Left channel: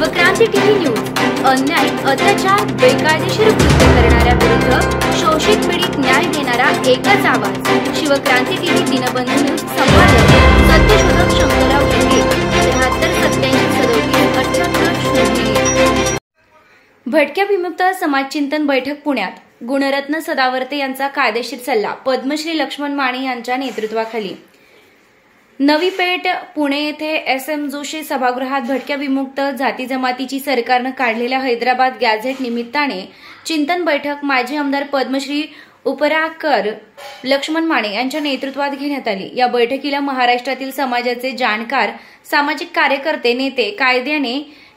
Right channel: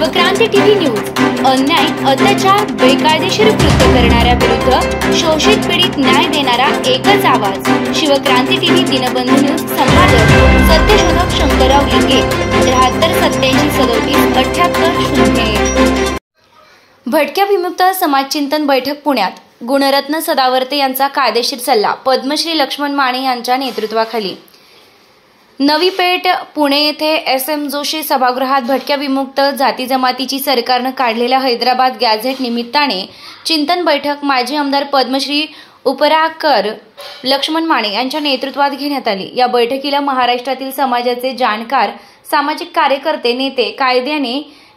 Shivkranti TV news अन्याय, अत्याचार, बेकायदेशीर कृत्य करणाऱ्या विरुद्ध शोषित पीडित न्याय देणारा एकच आवाज। शिवक्रांती टीव्ही दिनबंधू न्यूज संपादक सत्यशोधक शंकरराव लिंगे 73 87 37 78 भटक्या विमुक्त समाजचिंतन बैठक पुण्यात। गुणरत्न सदावर्ते यांचा कायदेशीर सल्ला पद्मश्री लक्ष्मण माने यांच्या नेतृत्वाखाली। नवी पेठ पुणे येथे SM जोशी सभागृहात भटक्या विमुक्त जाती जमातीची सरकारने काढलेल्या हैदराबाद गॅझेट निमित्ताने चिंतन बैठक माजी आमदार पद्मश्री उपराकर लक्ष्मण माने यांच्या नेतृत्वात घेण्यात आली। या बैठकीला महाराष्ट्रातील समाजाचे जाणकार, सामाजिक कार्यकर्ते, नेते,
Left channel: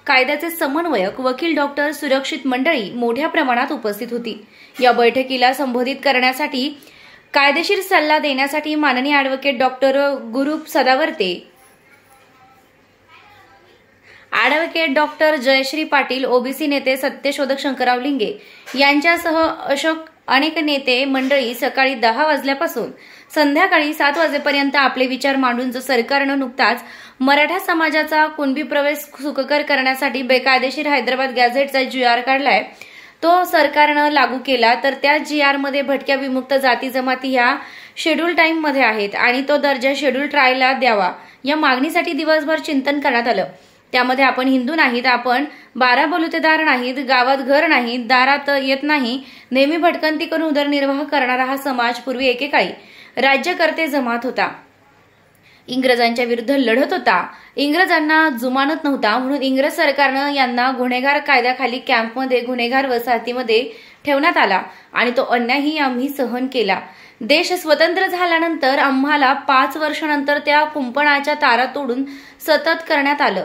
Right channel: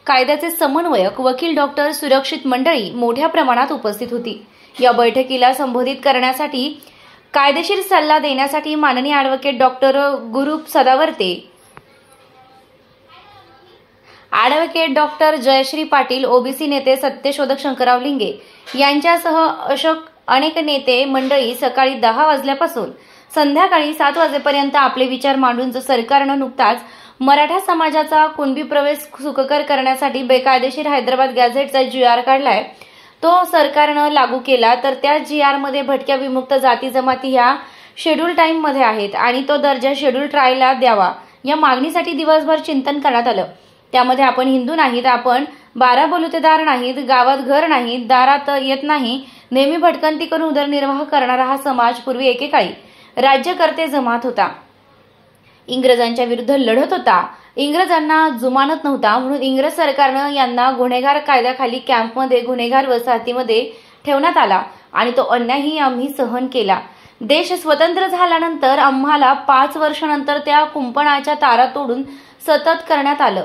कायद्याचे समन्वयक, वकील, डॉक्टर, सुरक्षित मंडळी मोठ्या प्रमाणात उपस्थित होती। या बैठकीला संबोधित करण्यासाठी, कायदेशीर सल्ला देण्यासाठी माननीय ॲडव्होकेट डॉक्टर गुरुप Sadavarte, advocate doctor Jayashree Patil, OBC नेते सत्यशोधक शंकरराव लिंगे यांच्यासह अनेक नेते मंडळी सकाळी 10 वाजल्यापासून संध्याकाळी 7 वाजेपर्यंत आपले विचार मांडून सरकारनं नुकताच मराठा समाजाचा कुणबी प्रवेश सुखकर करण्यासाठी बेकायदेशीर हैदराबाद गॅझेटचा GR काढलाय, तो सरकारनं लागू केला, तर त्या GR मध्ये भटक्या विमुक्त जाती जमाती ह्या शेड्यूल टाइम मध्ये आहेत आणि तो दर्जा शेड्यूल ट्रायला द्यावा या मागणीसाठी दिवसभर चिंतन करण्यात आलं। त्यामध्ये आपण हिंदू नाहीत, आपण 12 बलुतेदार नाहीत, गावात घर नाही, दारात येत नाही, नेहमी भटकंती करून उदरनिर्वाह करणारा हा समाज पूर्वी एकेकाळी राज्यकर्ते जमात होता, इंग्रजांच्या विरुद्ध लढत होता, इंग्रजांना जुमानत नव्हता, म्हणून इंग्रज सरकारनं यांना गुन्हेगार कायद्याखाली कॅम्पमध्ये, गुन्हेगार वसाहतीमध्ये ठेवण्यात आला आणि तो अन्यायही आम्ही सहन केला। देश स्वतंत्र झाल्यानंतर आम्हाला 5 वर्षानंतर त्या कुंपणाच्या तारा तोडून सतत करण्यात आलं,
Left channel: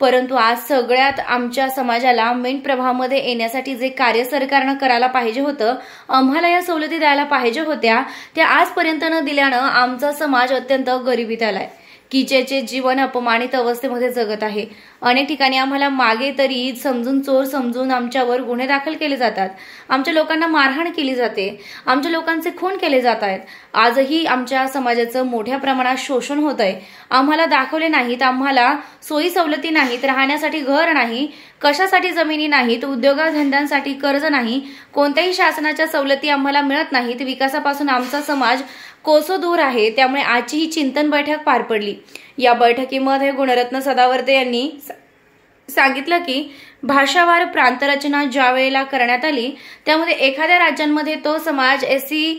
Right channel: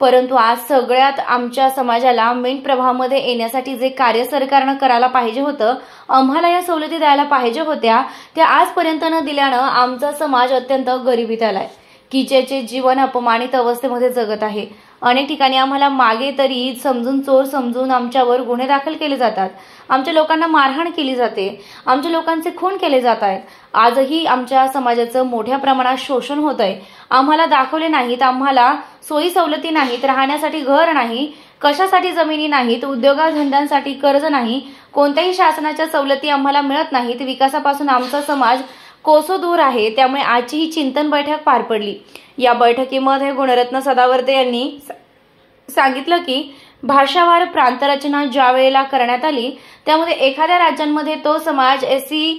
परंतु आज सगळ्यात आमच्या समाजाला मेन प्रवाहामध्ये येण्यासाठी जे कार्य सरकारनं करायला पाहिजे होतं, आम्हाला या सवलती द्यायला पाहिजे होत्या, त्या आजपर्यंत न दिल्यानं आमचा समाज अत्यंत गरिबीत आलाय, किचेचे जीवन अपमानित अवस्थेमध्ये जगत आहे। अनेक ठिकाणी आम्हाला मागे तरी समजून, चोर समजून आमच्यावर गुन्हे दाखल केले जातात, आमच्या लोकांना मारहाण केली जाते, आमच्या लोकांचे खून केले जात आहेत। आजही आमच्या समाजाचं मोठ्या प्रमाणात शोषण होत आहे। आम्हाला दाखवले नाहीत, आम्हाला सोयी सवलती नाहीत, राहण्यासाठी घर नाही, कशासाठी जमिनी नाहीत, उद्योगधंद्यांसाठी कर्ज नाही, कोणत्याही शासनाच्या सवलती आम्हाला मिळत नाहीत, विकासापासून आमचा समाज कोसो दूर आहे। त्यामुळे आजची ही चिंतन बैठक पार पडली। या बैठकीमध्ये गुणरत्न सदावर्ते यांनी सांगितलं की भाषावार प्रांतरचना ज्या वेळेला करण्यात आली, त्यामध्ये एखाद्या राज्यांमध्ये तो समाज SC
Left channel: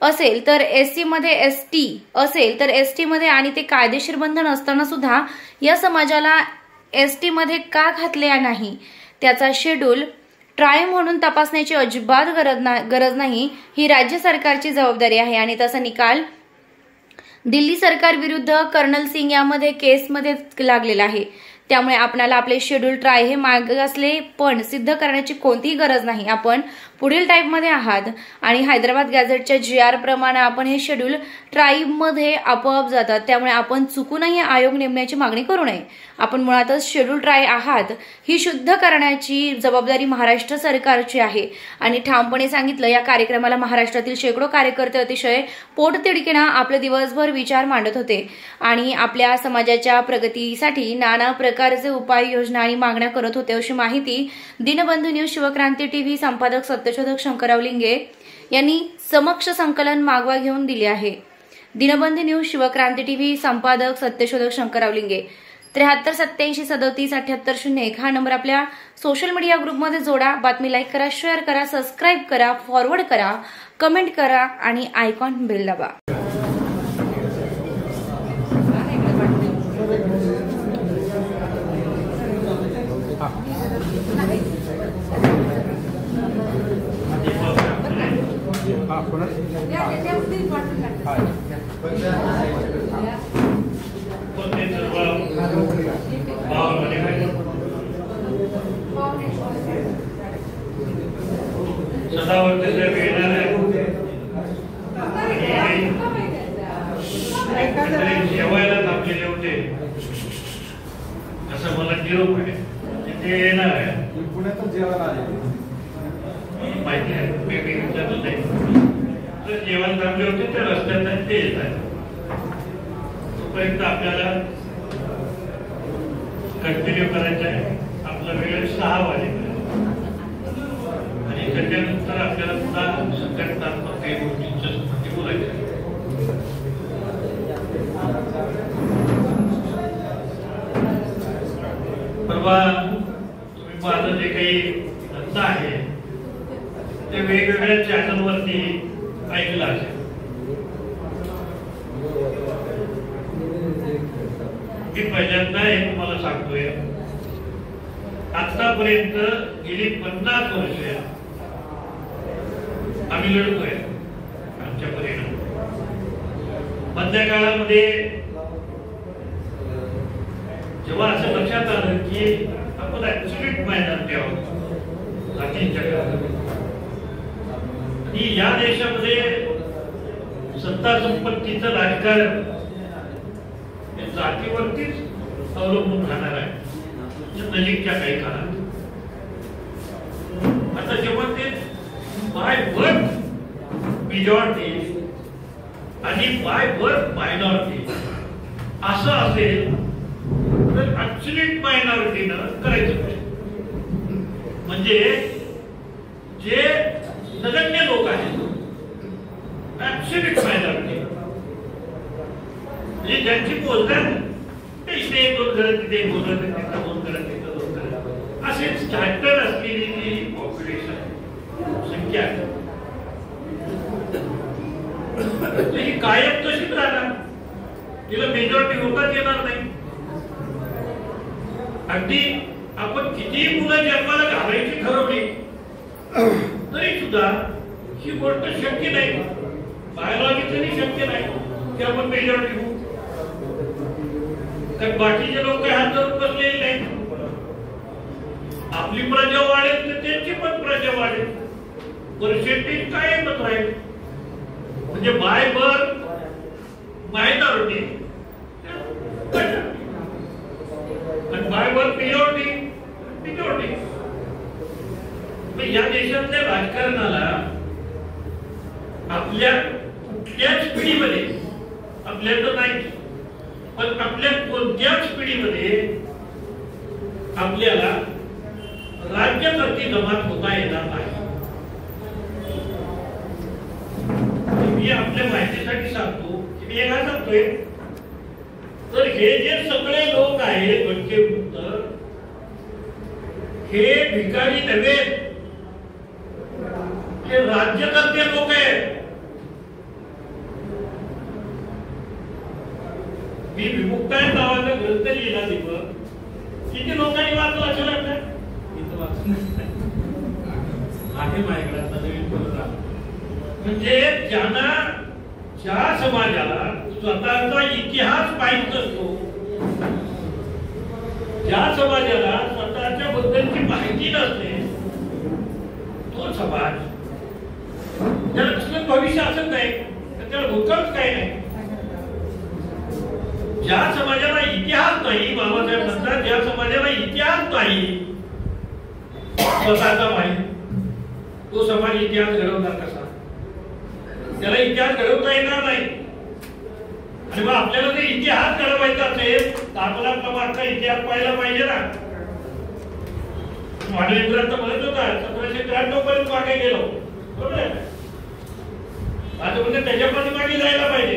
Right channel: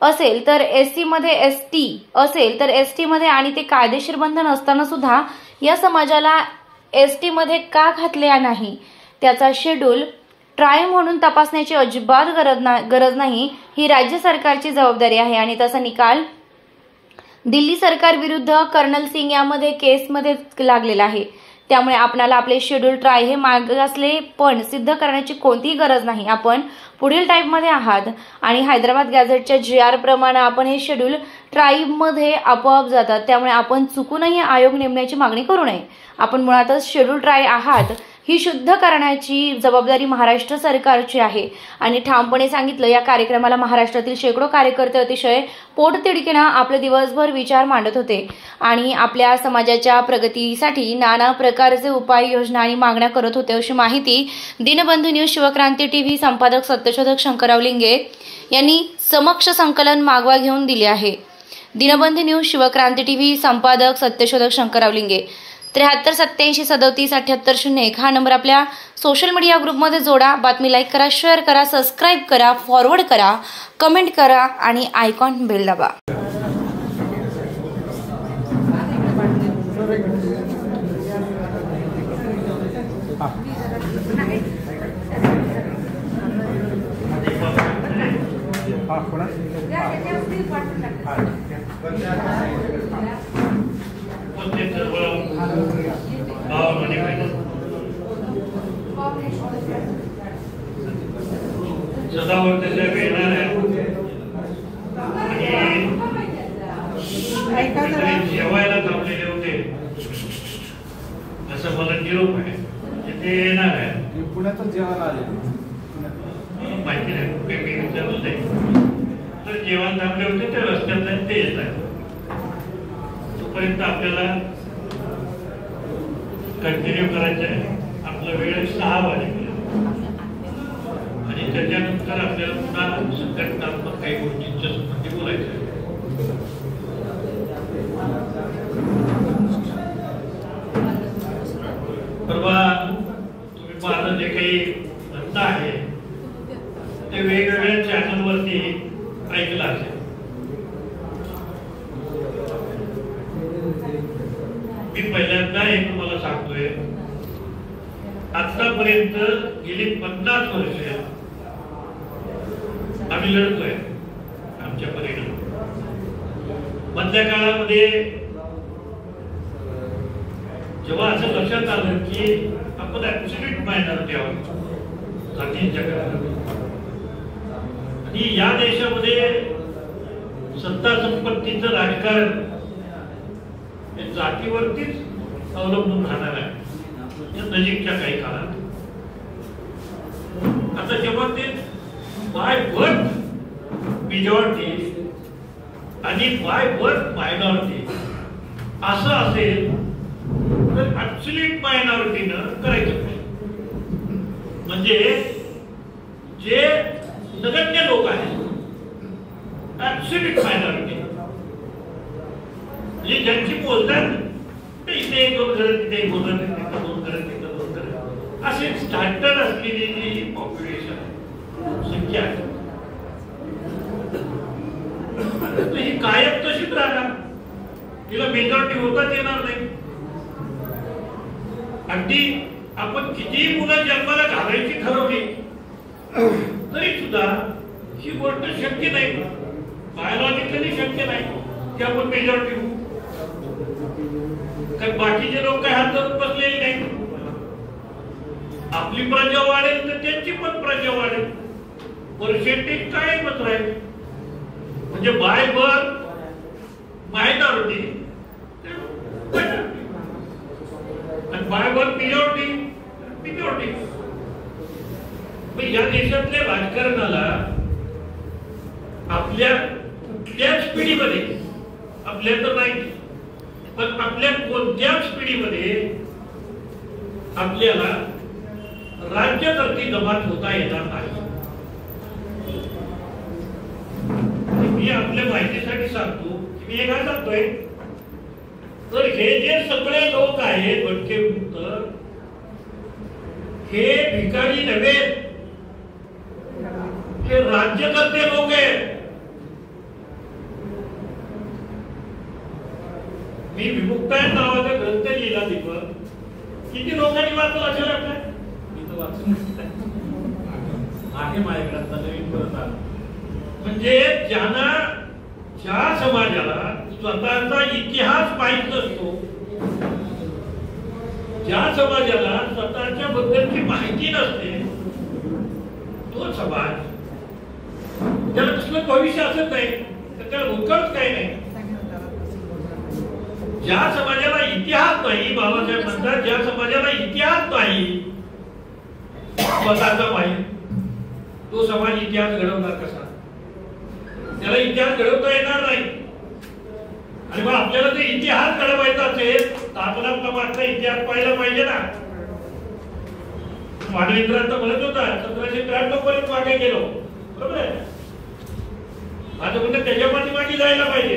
असेल तर SC मध्ये ST असेल तर ST मध्ये, आणि ते कायदेशीर बंधन असताना सुद्धा या समाजाला ST मध्ये का घातले नाही, त्याचा शेड्यूल ट्राय म्हणून तपासण्याची अजिबात गरज नाही, ही राज्य सरकारची जबाबदारी आहे। आणि तसा निकाल दिल्ली सरकार विरुद्ध कर्नल सिंग यामध्ये केसमध्ये लागलेला आहे। त्यामुळे आपल्याला आपले शेड्यूल ट्राय हे मागासले पण सिद्ध करण्याची कोणतीही गरज नाही। आपण पुढील टाईपमध्ये आहात आणि हैदराबाद गॅझेटच्या GR प्रमाणे आपण हे शेड्यूल ट्राईबमध्ये आपोआप जातात, त्यामुळे आपण चुकूनही आयोग नेमण्याची मागणी करू नये। आपण मुळातच शेड्यूल ट्राय आहात, ही शुद्ध करण्याची जबाबदारी महाराष्ट्र सरकारची आहे। आणि ठामपणे सांगितलं, या कार्यक्रमाला महाराष्ट्रातील शेकडो कार्यकर्ते अतिशय पोटतिडकीनं आपले दिवसभर विचार मांडत होते आणि आपल्या समाजाच्या प्रगतीसाठी नाना प्रकारचे उपाययोजना आणि मागण्या करत होते, अशी माहिती दिनबंधू न्यूज शिवक्रांती टीव्ही संपादक सत्यशोधक शंकरराव लिंगे यांनी समक्ष संकलन मागवा घेऊन दिली आहे। दिनबंधू न्यूज शिवक्रांती टीव्ही संपादक सत्यशोधक शंकरराव लिंगे 73 87 37 78 01 हा नंबर आपल्या सोशल मीडिया ग्रुपमध्ये जोडा। बातमी लाईक करा, शेअर करा, सबस्क्राईब करा, फॉरवर्ड करा, कमेंट करा आणि आयकॉन बेल दाबा। सदावर्ते साहेब येणार जेवायला थांबलेले होते, जसं मला निरोप आहे ते येणार आहे, पुण्यातून जेवायला आले माहिती आहे, विचारलं नाही तर जेवण थांबले होते ते रस्त्यात ते येत आहेत, तोपर्यंत आपल्याला कंटिन्यू करायचं आहे। आपला वेळ 6 वाजेपर्यंत आणि त्याच्यानंतर आपल्याला पुन्हा संघटनात्मक काही गोष्टींच्या संबंधी बोलायचं. परवा तुम्ही माझं जे काही धंदा आहे ते वेगवेगळ्या चॅनलवरती ऐकलं असेल. मी पहिल्यांदा हे तुम्हाला सांगतोय, आतापर्यंत गेली 50 वर्ष आम्ही लढतोय आमच्या परीने. मधल्या काळामध्ये जेव्हा असं लक्षात आलं की आपण ऍब्सोल्यूट मायनॉरिटी आहोत जातींच्या जगात आणि या देशामध्ये सत्ता संपत्तीचं राजकारण हे जातीवरतीच अवलंबून राहणार आहे नजीकच्या काही काळात. आता जेव्हा ते बाय बर्थ मेजॉरिटी आणि बाय बर्थ मायनॉरिटी असं असेल तर ऍब्सोल्यूट मायनॉरिटीनं करायचं. म्हणजे जे नगण्य लोक आहेत ऍब्सोल्यूट मायनॉरिटी म्हणजे ज्यांची बोलतात ते इथे 1 2 घरं तिथे बोलत, तिथं 2 घरं तिथं 2 घरं असे स्टँडर्ड असलेली जी पॉप्युलेशन संख्या आहे ही कायम तशीच राहणार. तिला मेजॉरिटी होताच येणार नाही. अगदी आपण कितीही मुलं जन्माला घालायची ठरवली तरी सुद्धा ही गोष्ट शक्य नाही. बायोलॉजिकली शक्य नाही की आपण मेजॉरिटी होऊ. तर बाकीचे लोक काही हात धरून बसलेले नाही. आपली प्रजा वाढेल तर त्यांची पण प्रजा वाढेल. पर्सेंटेज काय मत राहील म्हणजे बाय बर्थ मायनॉरिटी आणि बाय बर्थ मेजॉरिटी मेजॉरिटी. या देशातल्या राजकारणाला आपल्या कुठल्याच पिढीमध्ये आपल्या तर नाही पण आपल्या कोणत्याच पिढीमध्ये आपल्याला राज्यकर्ती जमात होता येणार नाही. मी आपल्या माहितीसाठी सांगतो की मी काय सांगतोय तर हे जे सगळे लोक आहेत भटके मुक्त हे भिकारी नव्हे, हे राज्यकर्ते लोक आहेत. मी विमुक्ताय नावाचा ग्रंथ लिहिला दीपक किती लोकांनी वाचला असेल वाटतं. म्हणजे ज्यांना ज्या समाजाला स्वतःचा इतिहास माहित नसतो, ज्या समाजाला स्वतःच्या बद्दलची माहिती नसते तो समाज त्याला कसलं भविष्य असत नाही तर त्याला भूतकाळच काही नाही. ज्या समाजाला इतिहास नाही, बाबासाहेब म्हणतात ज्या समाजाला इतिहास नाही स्वतःचा माहित तो समाज इतिहास घडवणार कसा. त्याला इतिहास घडवता येणार नाही. आणि मग आपल्याला ते इतिहास घडवायचा असेल तर आपला मागचा इतिहास पाहायला पाहिजे ना. मानवेंद्रांचा म्हणत होता 1793 पर्यंत मागे गेलो बरोबर आहे. आता म्हणजे त्याच्या पाठीमागे जायला पाहिजे,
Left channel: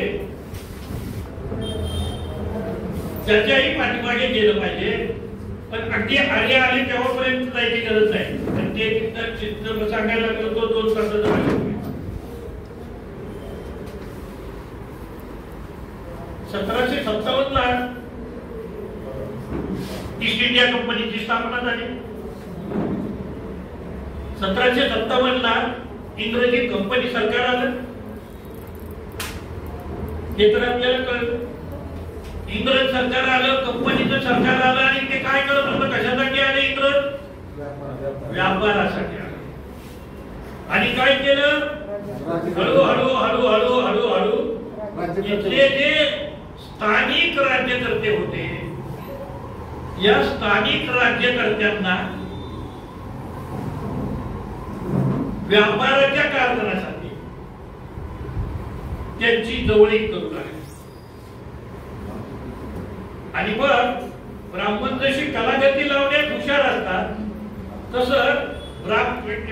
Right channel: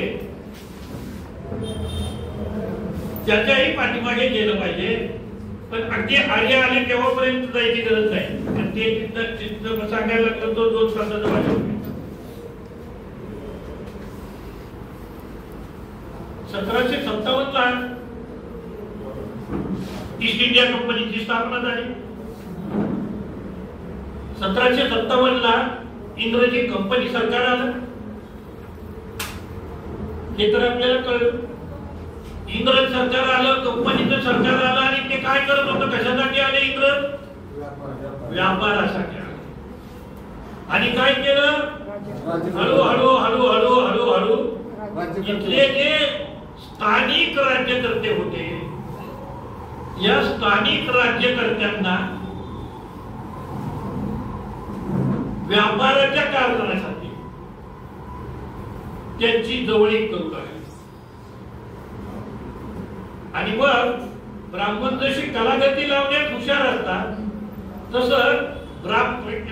त्याच्याही पाठीमागे गेलं पाहिजे. पण अगदी आर्य आले तेव्हापर्यंत जायची गरज नाही. आणि ते तिथं चित्र सांगायला लागलो तो 2 तासाचा भाषण. 1757 ला ईस्ट इंडिया कंपनीची स्थापना झाली. 1757 ला इंग्रजी कंपनी सरकार आलं. हे तर आपल्याला कळलं. इंग्रज सरकार आलं, कंपनीचं सरकार आलं आणि ते काय करत होतं, कशासाठी आले इंग्रज? व्यापारासाठी. आणि काय केलं, हळूहळू हळूहळू हळूहळू इथले जे स्थानिक राज्यकर्ते होते या स्थानिक राज्यकर्त्यांना व्यापाराच्या कारणासाठी त्यांची जवळीक करू लागली. आणि मग ब्राह्मण जशी कलागती लावण्यात हुशार असतात तसं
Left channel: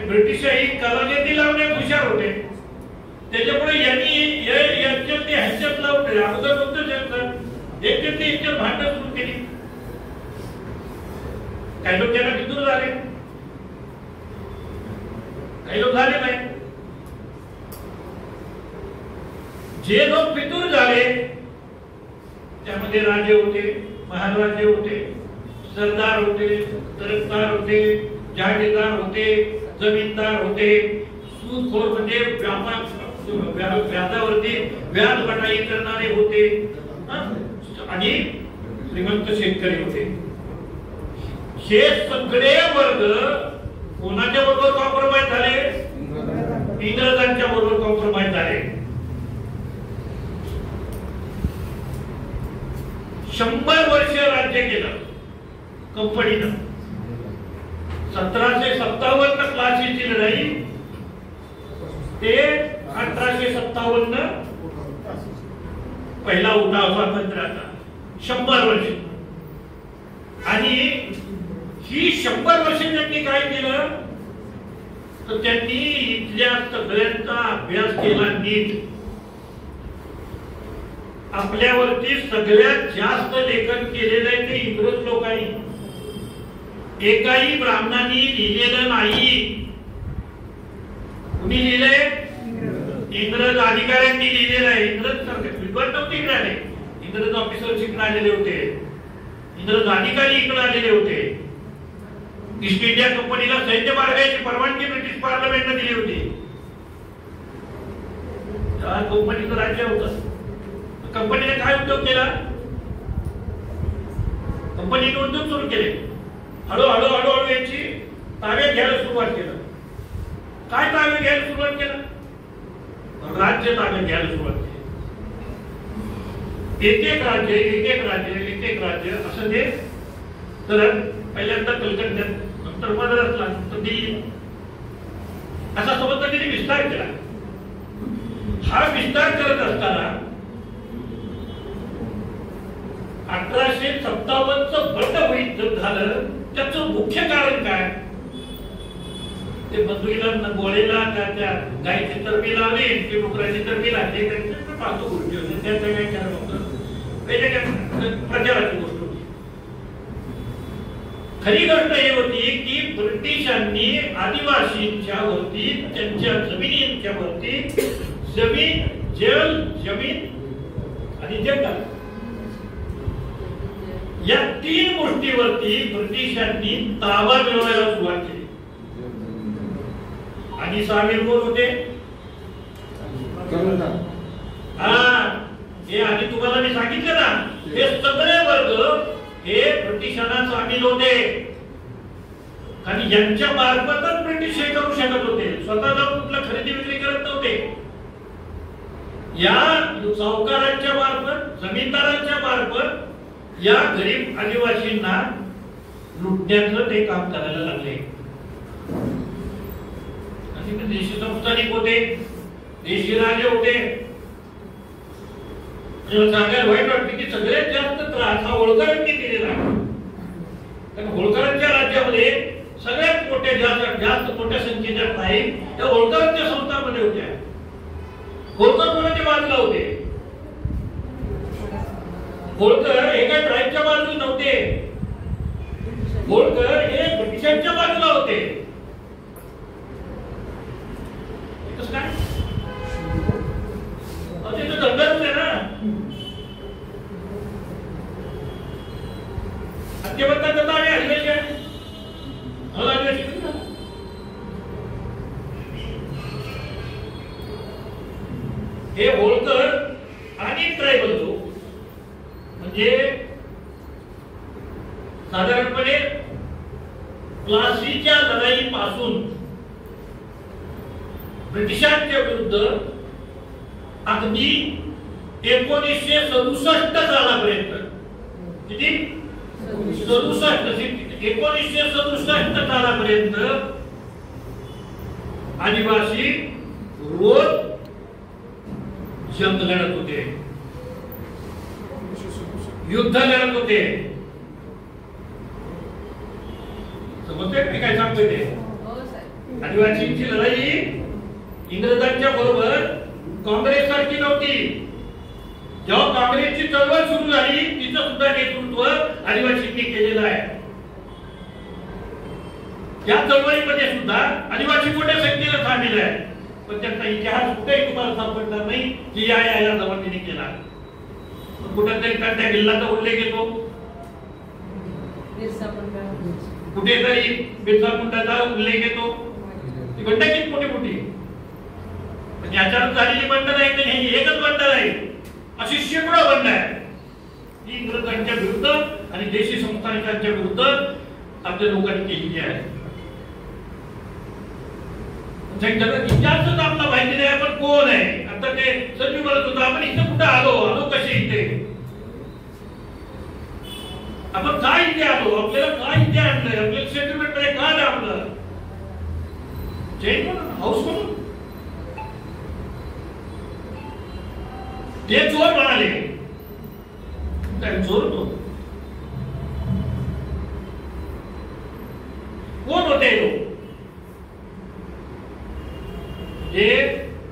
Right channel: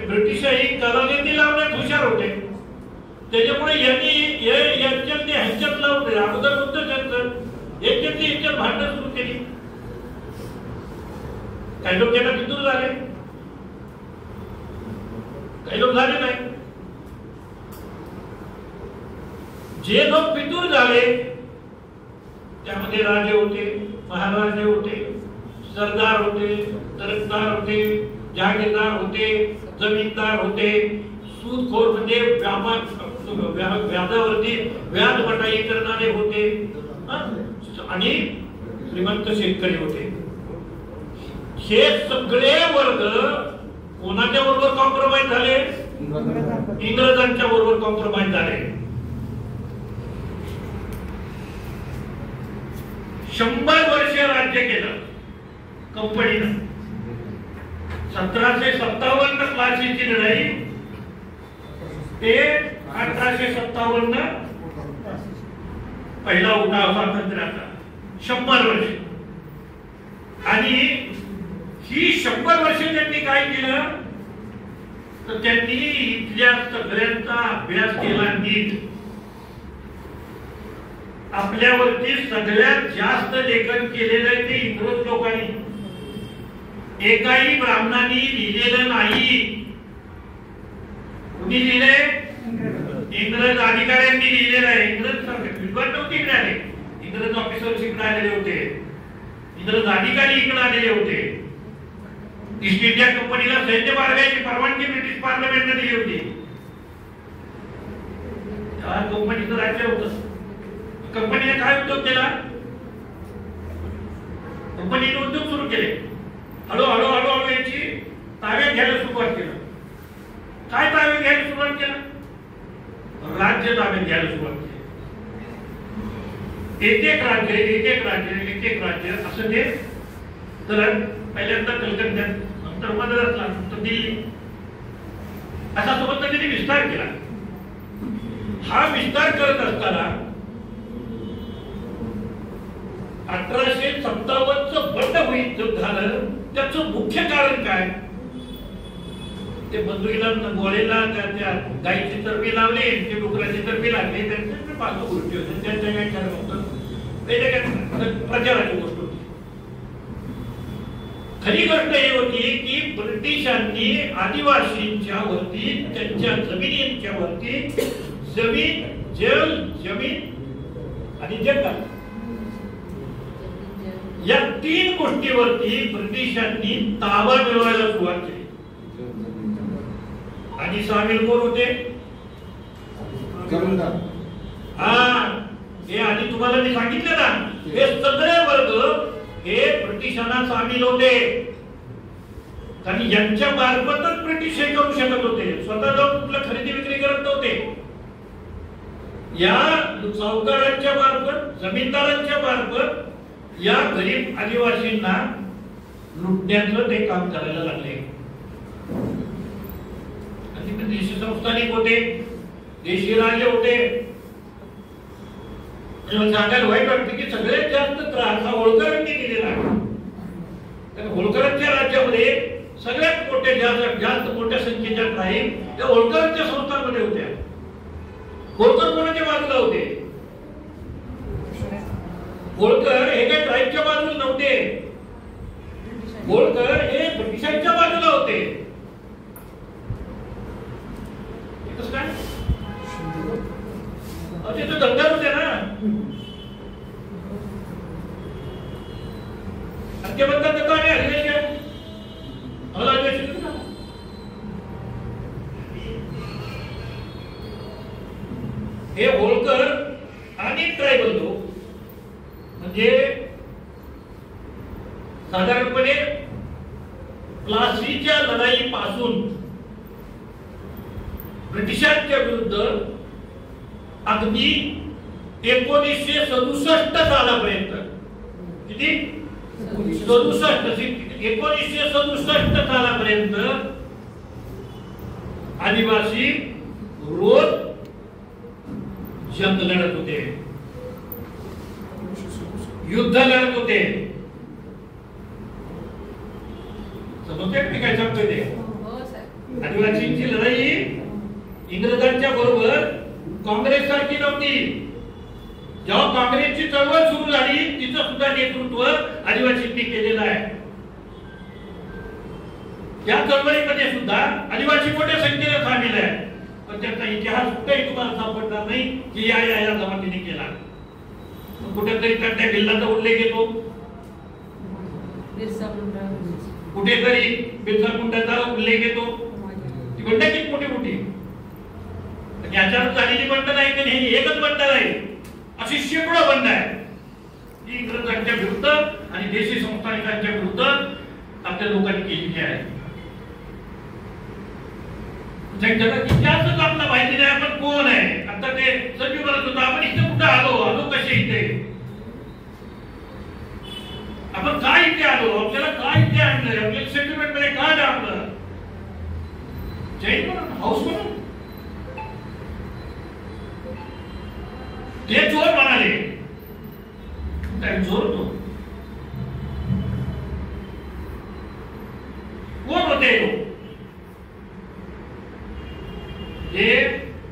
ब्रिटिशही कलागती लावण्यात हुशार होते. त्याच्यामुळे यांनी यांच्यात ते ह्याच्यात लावले अगोदर होतं त्यांचं एकट्यात भांडण सुरू केली. काही लोक त्याला फितूर झाले, काही लोक झाले नाही. जे लोक फितूर झाले त्यामध्ये राजे होते, महाराजे होते, सरदार होते, तरफदार होते, जहागीरदार होते, जमीनदार होते, सूदखोर म्हणजे व्याजावरती व्याज बटाई करणारे होते आणि श्रीमंत शेतकरी होते. हे सगळे वर्ग कोणाच्या बरोबर कॉम्प्रोमाइज झाले? इंग्रजांच्या बरोबर कॉम्प्रोमाइज झाले. 100 वर्ष राज्य केलं कंपनीनं. 1757 प्लासीची लढाई ते 1857 पहिला उठाव स्वातंत्र्याचा. 100 वर्ष. आणि ही 100 वर्ष त्यांनी काय केलं तर त्यांनी इथल्या सगळ्यांचा अभ्यास केला नीट. आपल्यावरती सगळ्यात जास्त लेखन केलेलं आहे ते इंग्रज लोकांनी. एकाही ब्राह्मणांनी लिहिलेलं नाही. कुणी लिहिलंय? इंग्रज अधिकाऱ्यांनी लिहिलेलं आहे. इंग्रज विद्वान नव्हते इकडे आले, इंग्रज ऑफिसर्स इकडे आलेले होते, इंग्रज अधिकारी इकडे आलेले होते. ईस्ट इंडिया कंपनीला सैन्य बाळगायची परवानगी ब्रिटिश पार्लमेंटने दिली होती. त्या कंपनीचं राज्य होतं. कंपनीने काय उद्योग केला? कंपनीने उद्योग सुरू केले. हळूहळू हळूहळू यांची ताब्यात घ्यायला सुरुवात केलं. काय ताब्यात घ्यायला सुरुवात केलं? राज्य ताब्यात घ्यायला सुरुवात केली. एक एक राज्य एक एक राज्य एक एक राज्य असं ते. तर पहिल्यांदा कलकत्ता, नंतर मद्रासला, नंतर दिल्ली, असा सोबत त्यांनी विस्तार केला. हा विस्तार करत असताना 1857 बंड होईल झालं. त्याचं मुख्य कारण काय? ते बंधुईला गोळेला त्या गायीची चरबी लावली, ते डुकराची चरबी लागली, त्यांचं पाहतो गोष्टी होतं. त्याच्या व्याख्यान होतं, प्रचाराची गोष्ट होती. खरी गोष्ट ही होती की ब्रिटिशांनी आदिवासींच्या वरती, त्यांच्या जमिनींच्या वरती जमीन, जल, जमीन आणि जंगल या 3 गोष्टीवरती ब्रिटिशांनी ताबा मिळवायला सुरुवात केली. आणि सामील कोण होते? हे आधी तुम्हाला मी सांगितलं ना, हे सगळे वर्ग हे ब्रिटिशांना सामील होते. कारण यांच्या मार्फतच ब्रिटिश हे करू शकत होते. स्वतः जाऊन कुठलं खरेदी विक्री करत नव्हते. या सावकारांच्या मार्फत, जमीनदारांच्या मार्फत या गरीब आदिवासींना लुटण्याचं ते काम करायला लागले. आणि ते देशी संस्थानिक होते, देशी राजे होते. सांगायला वाईट वाटते की सगळ्यात जास्त त्रास हा होळकरांनी दिलेला आहे. त्या होळकरांच्या राज्यामध्ये सगळ्यात मोठ्या जास्त मोठ्या संख्येच्या नाही त्या होळकरांच्या संस्थांमध्ये होत्या. होळकर कोणाच्या बाजूला होते? होळकर हे काही ट्राईबच्या बाजूला नव्हते. होळकर हे ब्रिटिशांच्या बाजूला होते. कसं काय? ते तर दंगल होते ना. ते म्हणतात आता आम्ही हल्ले काय हे होळकर आणि ट्रायबल लोक म्हणजे साधारणपणे प्लासीच्या लढाईपासून ब्रिटिशांच्या विरुद्ध अगदी 1967 सालापर्यंत, किती 1967 सालापर्यंत आदिवासी रोज जंग लढत होते, युद्ध लढत होते. समजते मी काय सांगतोय ते? आदिवासींची लढाई इंग्रजांच्या बरोबर काँग्रेस सारखी नव्हती. जेव्हा काँग्रेसची चळवळ सुरू झाली तिचं सुद्धा नेतृत्व आदिवासींनी केलेलं आहे. या चळवळीमध्ये सुद्धा आदिवासी मोठ्या संख्येने सामील आहे, पण त्यांचा इतिहास कुठेही तुम्हाला सापडणार नाही की या जमातीने केला. कुठेतरी त्या भिल्लाचा उल्लेख येतो, कुठेतरी बिरसा मुंडाचा उल्लेख येतो. ती बंड किती मोठी मोठी याच्यावर झालेली बंड नाही तर हे एकच बंड आहे, अशी शेकडो बंड आहे ही इंग्रजांच्या विरुद्ध आणि देशी संस्थानिकांच्या विरुद्ध आपल्या लोकांनी केलेली आहे. इतिहासच आपला माहिती नाही आपण कोण आहे. आता ते सगळी म्हणत होतं आपण इथे कुठं आलो कसे इथे, आपण काय इथे आलो, आपल्याला काय इथे आणलंय, आपल्याला सेटलमेंट मध्ये काय आणलं, जैन म्हणून हाऊस म्हणून ते चोर म्हणाले. चोर तो कोण होते लोक? हे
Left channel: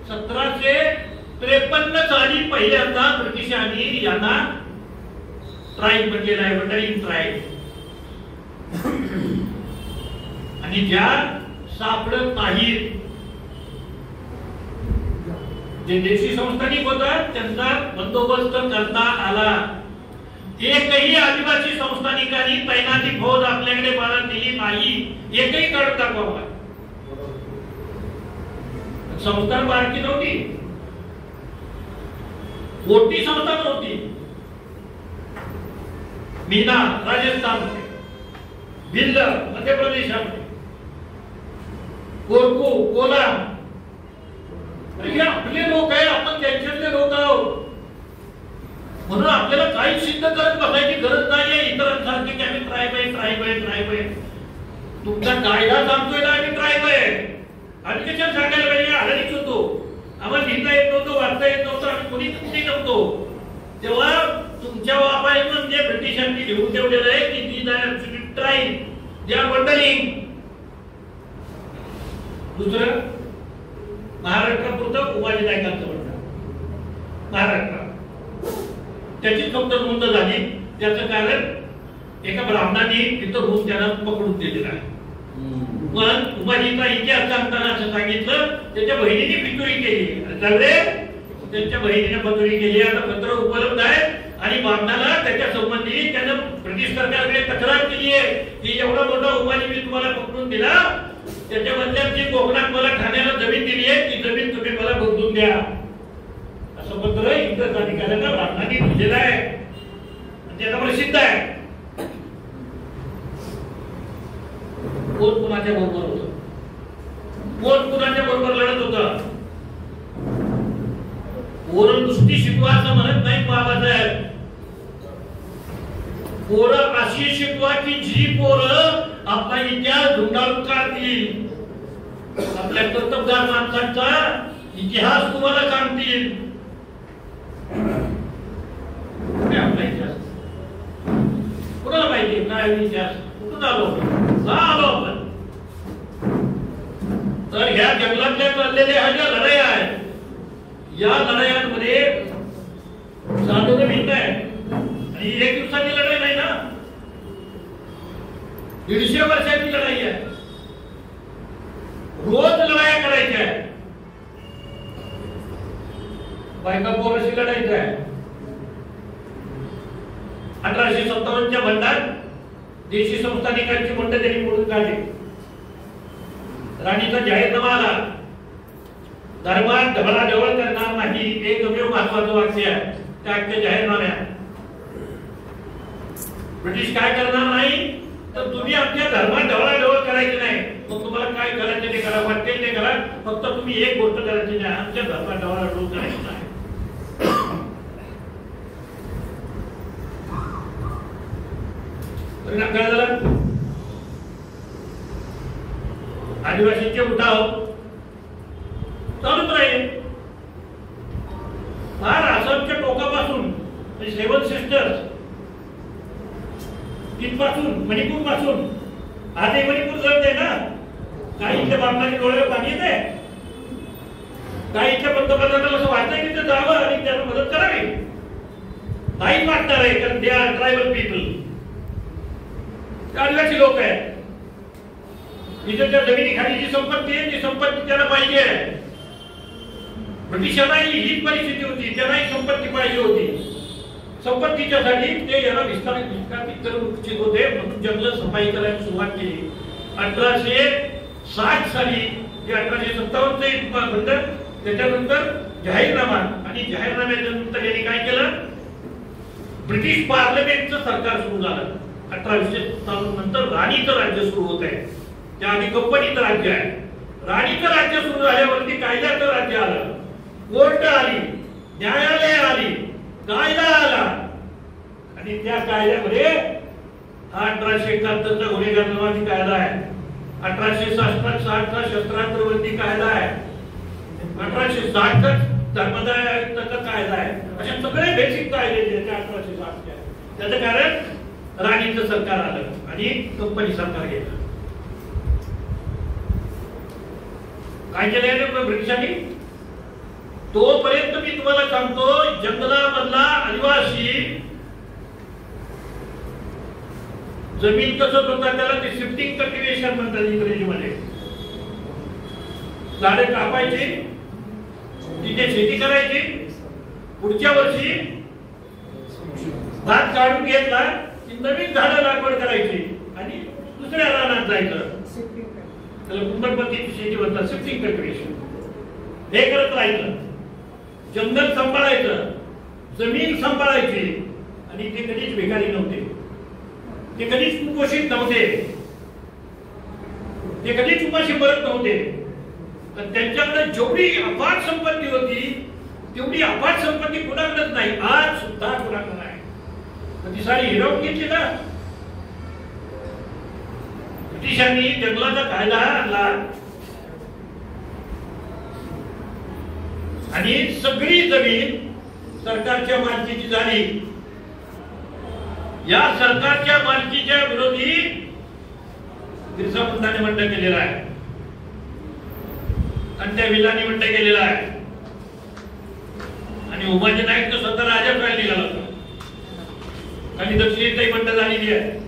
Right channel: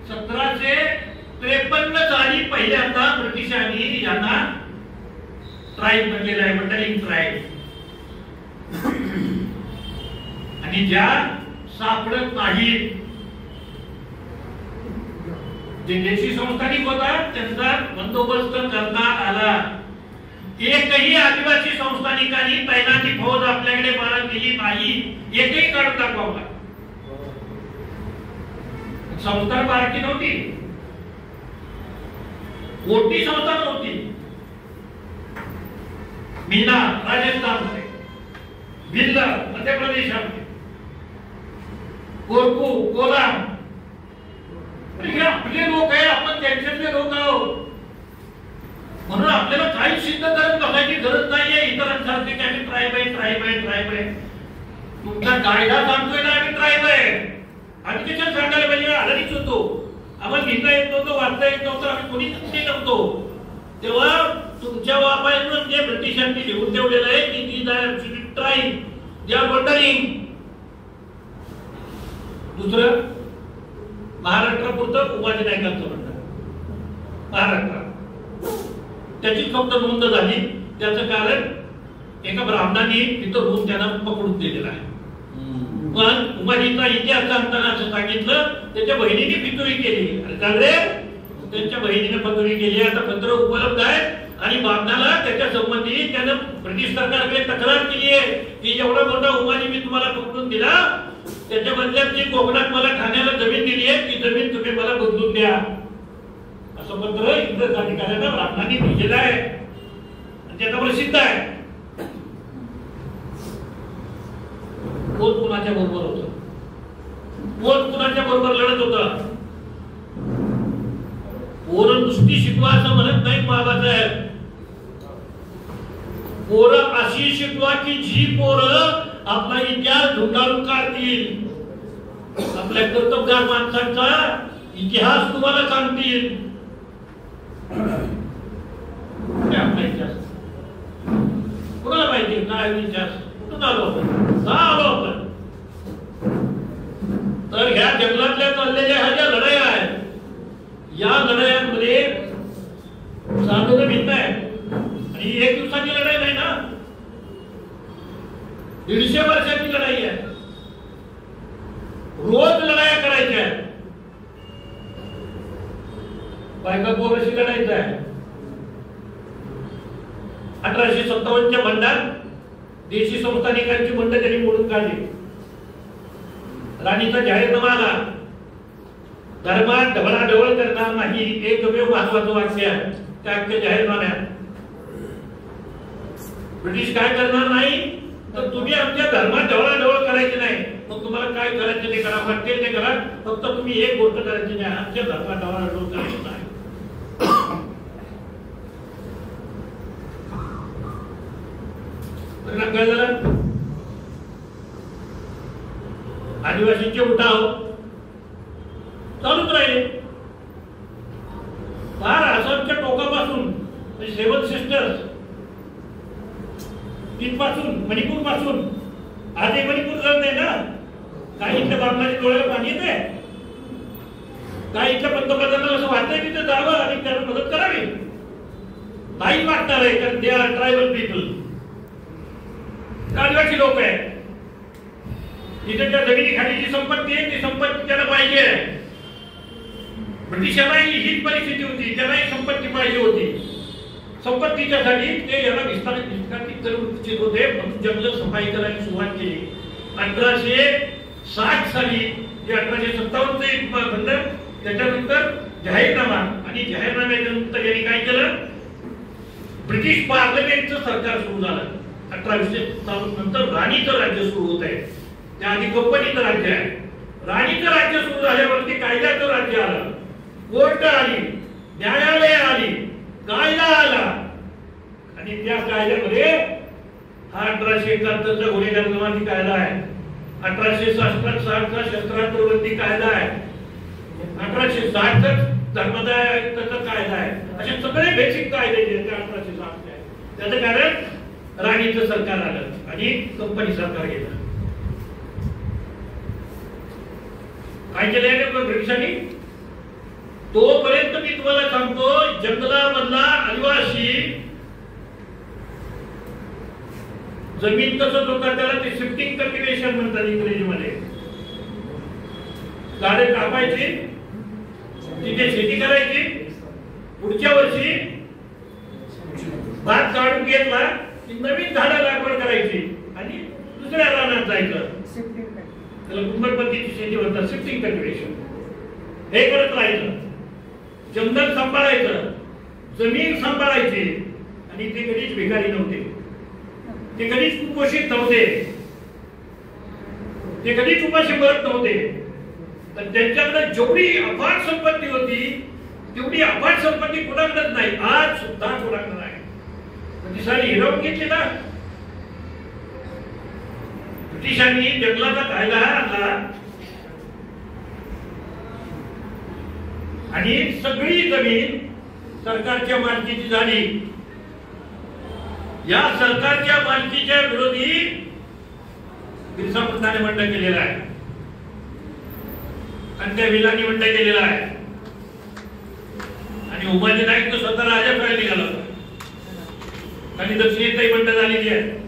1753 साली पहिल्यांदा ब्रिटिशांनी यांना ट्राईब केलं आहे, वंडलिंग ट्राईब. आणि ज्या सापडत नाही जे देशी संस्थानिक होतात त्यांचा बंदोबस्त करता आला. एकही आदिवासी संस्थानिकांनी तैनाती फौज आपल्याकडे मारत दिली नाही, एकही काढून दाखवा. संस्था बारकी नव्हती, मोठी संस्था नव्हती. मीना राजस्थानमध्ये, भिल्ल मध्य प्रदेशामध्ये, कोरकू कोलाम, हे आपले लोक आहे, आपण त्यांच्यातले लोक आहोत. म्हणून आपल्याला काही सिद्ध करत बसायची गरज नाहीये इतरांसारखी की आम्ही ट्राईब आहे ट्राईब आहे ट्राईब आहे. तुमचा कायदा सांगतोय ना आम्ही ट्राईब आहे. आम्ही कशाला सांगायला पाहिजे? आधीच होतो, आम्हाला लिहिता येत नव्हतं, वाचता येत नव्हतं, आम्ही कोणी कुठे नव्हतो. तेव्हा तुमच्या वापायनं म्हणजे ब्रिटिशांनी लिहून ठेवलेलं आहे की ती ट्राईब दे आर वंडरिंग. दुसरं महाराष्ट्रापुरतं उपाधी नायकांचं म्हणणं, महाराष्ट्र त्याची फक्त नोंद झाली. त्याचं कारण एका ब्राह्मणाने तिथं रूप त्यांना पकडून दिलेला आहे. पण उपाधीचा इतिहास सांगताना असं सांगितलं त्याच्या बहिणीने पितुरी केली, त्यांच्या बहिणीने पतुरी केली. आता पत्र उपलब्ध आहे आणि ब्राह्मणाला त्याच्या संबंधी त्यानं ब्रिटिश सरकारकडे तक्रार केली आहे की एवढा मोठा उपाधी मी तुम्हाला पकडून दिला, त्याच्या बदल्यात जी कोकणात मला ठाण्याला जमीन दिली आहे ती जमीन तुम्ही मला बदलून द्या, असं पत्र इंग्रज अधिकाऱ्यांना ब्राह्मणांनी दिलेलं आहे. त्याचा प्रसिद्ध आहे. कोण कुणाच्या बरोबर होत, कोण कुणाच्या बरोबर लढत होत. पोरं नुसती शिकवा असं म्हणत नाही बाबासाहेब. पोरं अशी शिकवा की जी पोरं आपला इतिहास धुंडाळून काढतील, आपल्या कर्तबगार माणसांचा इतिहास तुम्हाला सांगतील. आपला इतिहास कुणाला माहिती काय इतिहास, कुठून आलो, का आलो आपण. तर ह्या जंगलातल्या चाललेल्या ह्या ज्या लढाया आहेत, या लढायांमध्ये चालवणं भिन्न आहे. आणि एक दिवसाची लढाई नाही ना, 150 वर्षाची लढाई आहे. रोज लढाया करायच्या आहे. बायका पोराशी लढायचं आहे. 1857च्या बंडात देशी संस्थानिकांची मंड त्यांनी मोडून काढली. राणीचा जाहीरनामा आला, धर्मात ढवळाढवळ करणार नाही, एकमेव महत्वाचं वाक्य आहे त्या जाहीरनाम्यात. ब्रिटिश काय करणार नाही तर तुम्ही आमच्या धर्मात ढवळाढवळ करायची नाही, मग तुम्हाला काय करायचं ते करा, वाटेल ते करा, फक्त तुम्ही एक गोष्ट करायची नाही, आमच्या धर्मात ढवळाढवळ करायची नाही. आदिवासींचे उठाव चालूच राहील. फार आसामच्या टोकापासून सेवन सिस्टर्स तिथपासून, मणिपूर पासून आजही मणिपूर जळत आहे ना. काही इथल्या बामणाच्या डोळ्याला पाणी येते. काही इथल्या पंतप्रधानाला असं वाटतंय की ते जावं आणि त्यांना मदत करावी. नाही वाटणार आहे कारण दे आर ट्रायबल पीपल. आदिवासी लोक आहेत. इथे त्या जमिनीखाली जी संपत्ती आहे ती संपत्ती त्याला पाहिजे. ब्रिटिशांनाही हीच परिस्थिती होती. त्यांनाही संपत्ती पाहिजे होती. संपत्तीच्यासाठी ते याला विस्तारित करू इच्छित होते. म्हणून जंगल सफाई करायला सुरुवात केली. 1860 साली जे 1857 बंद त्याच्यानंतर जाहीरनामा आणि जाहीरनाम्यानंतर यांनी काय केलं. ब्रिटिश पार्लमेंटचं सरकार सुरू झालं. 1857 नंतर राणीचं राज्य सुरू होत आहे. त्याआधी कंपनीचं राज्य आहे. राणीचं राज्य सुरू झाल्यावरती कायद्याचं राज्य आलं. कोर्ट आली, न्यायालय आली, कायदा आला आणि त्या कायद्यामध्ये 1871 गुन्हेगार जमाती कायदा आहे. 1860 शस्त्रास्त्र बंदी कायदा आहे. 1860 धर्मदाय आयुक्ताचा कायदा आहे. असे सगळे बेसिक कायदे जे 1860 चे आहेत. त्याचं कारण राणीचं सरकार आलं आणि कंपनी सरकार गेलं. काय केलं ब्रिटिशांनी. तोपर्यंत मी तुम्हाला सांगतो जंगलामधला आदिवासी जमीन कसं होता त्याला ते शिफ्टिंग कल्टिवेशन म्हणतात इंग्रजीमध्ये. झाडे कापायची, तिथे शेती करायची, पुढच्या वर्षी भात काढून घेतला की नवीन झाडं लागवड करायची आणि दुसऱ्या रानात जायचं. त्याला कुंभर पद्धतीची शेती म्हणतात, शिफ्टिंग कल्टिवेशन. हे करत राहायचं. जंगल सांभाळायचं, जमीन सांभाळायची आणि ते कधीच भिकारी नव्हते. ते कधीच कुपोषित नव्हते. ते कधीच उपाशी मरत नव्हते. तर त्यांच्याकडे जेवढी अफाट संपत्ती होती तेवढी अफाट संपत्ती कुणाकडेच नाही. आज सुद्धा कुणाकडे आहे. ती सारी हिरावून घेतली ना. ब्रिटिशांनी जंगलाचा कायदा आणला आणि सगळी जमीन सरकारच्या मालकीची झाली. या सरकारच्या मालकीच्या विरोधी बिरसा मुंडाने बंड केलेला आहे. कंट्या विलानी बंड केलेला आहे. आणि उमाजी नाईक तर स्वतः राजा व्हायला निघाला होता. आणि दक्षिणेतही बंड झालेली आहे.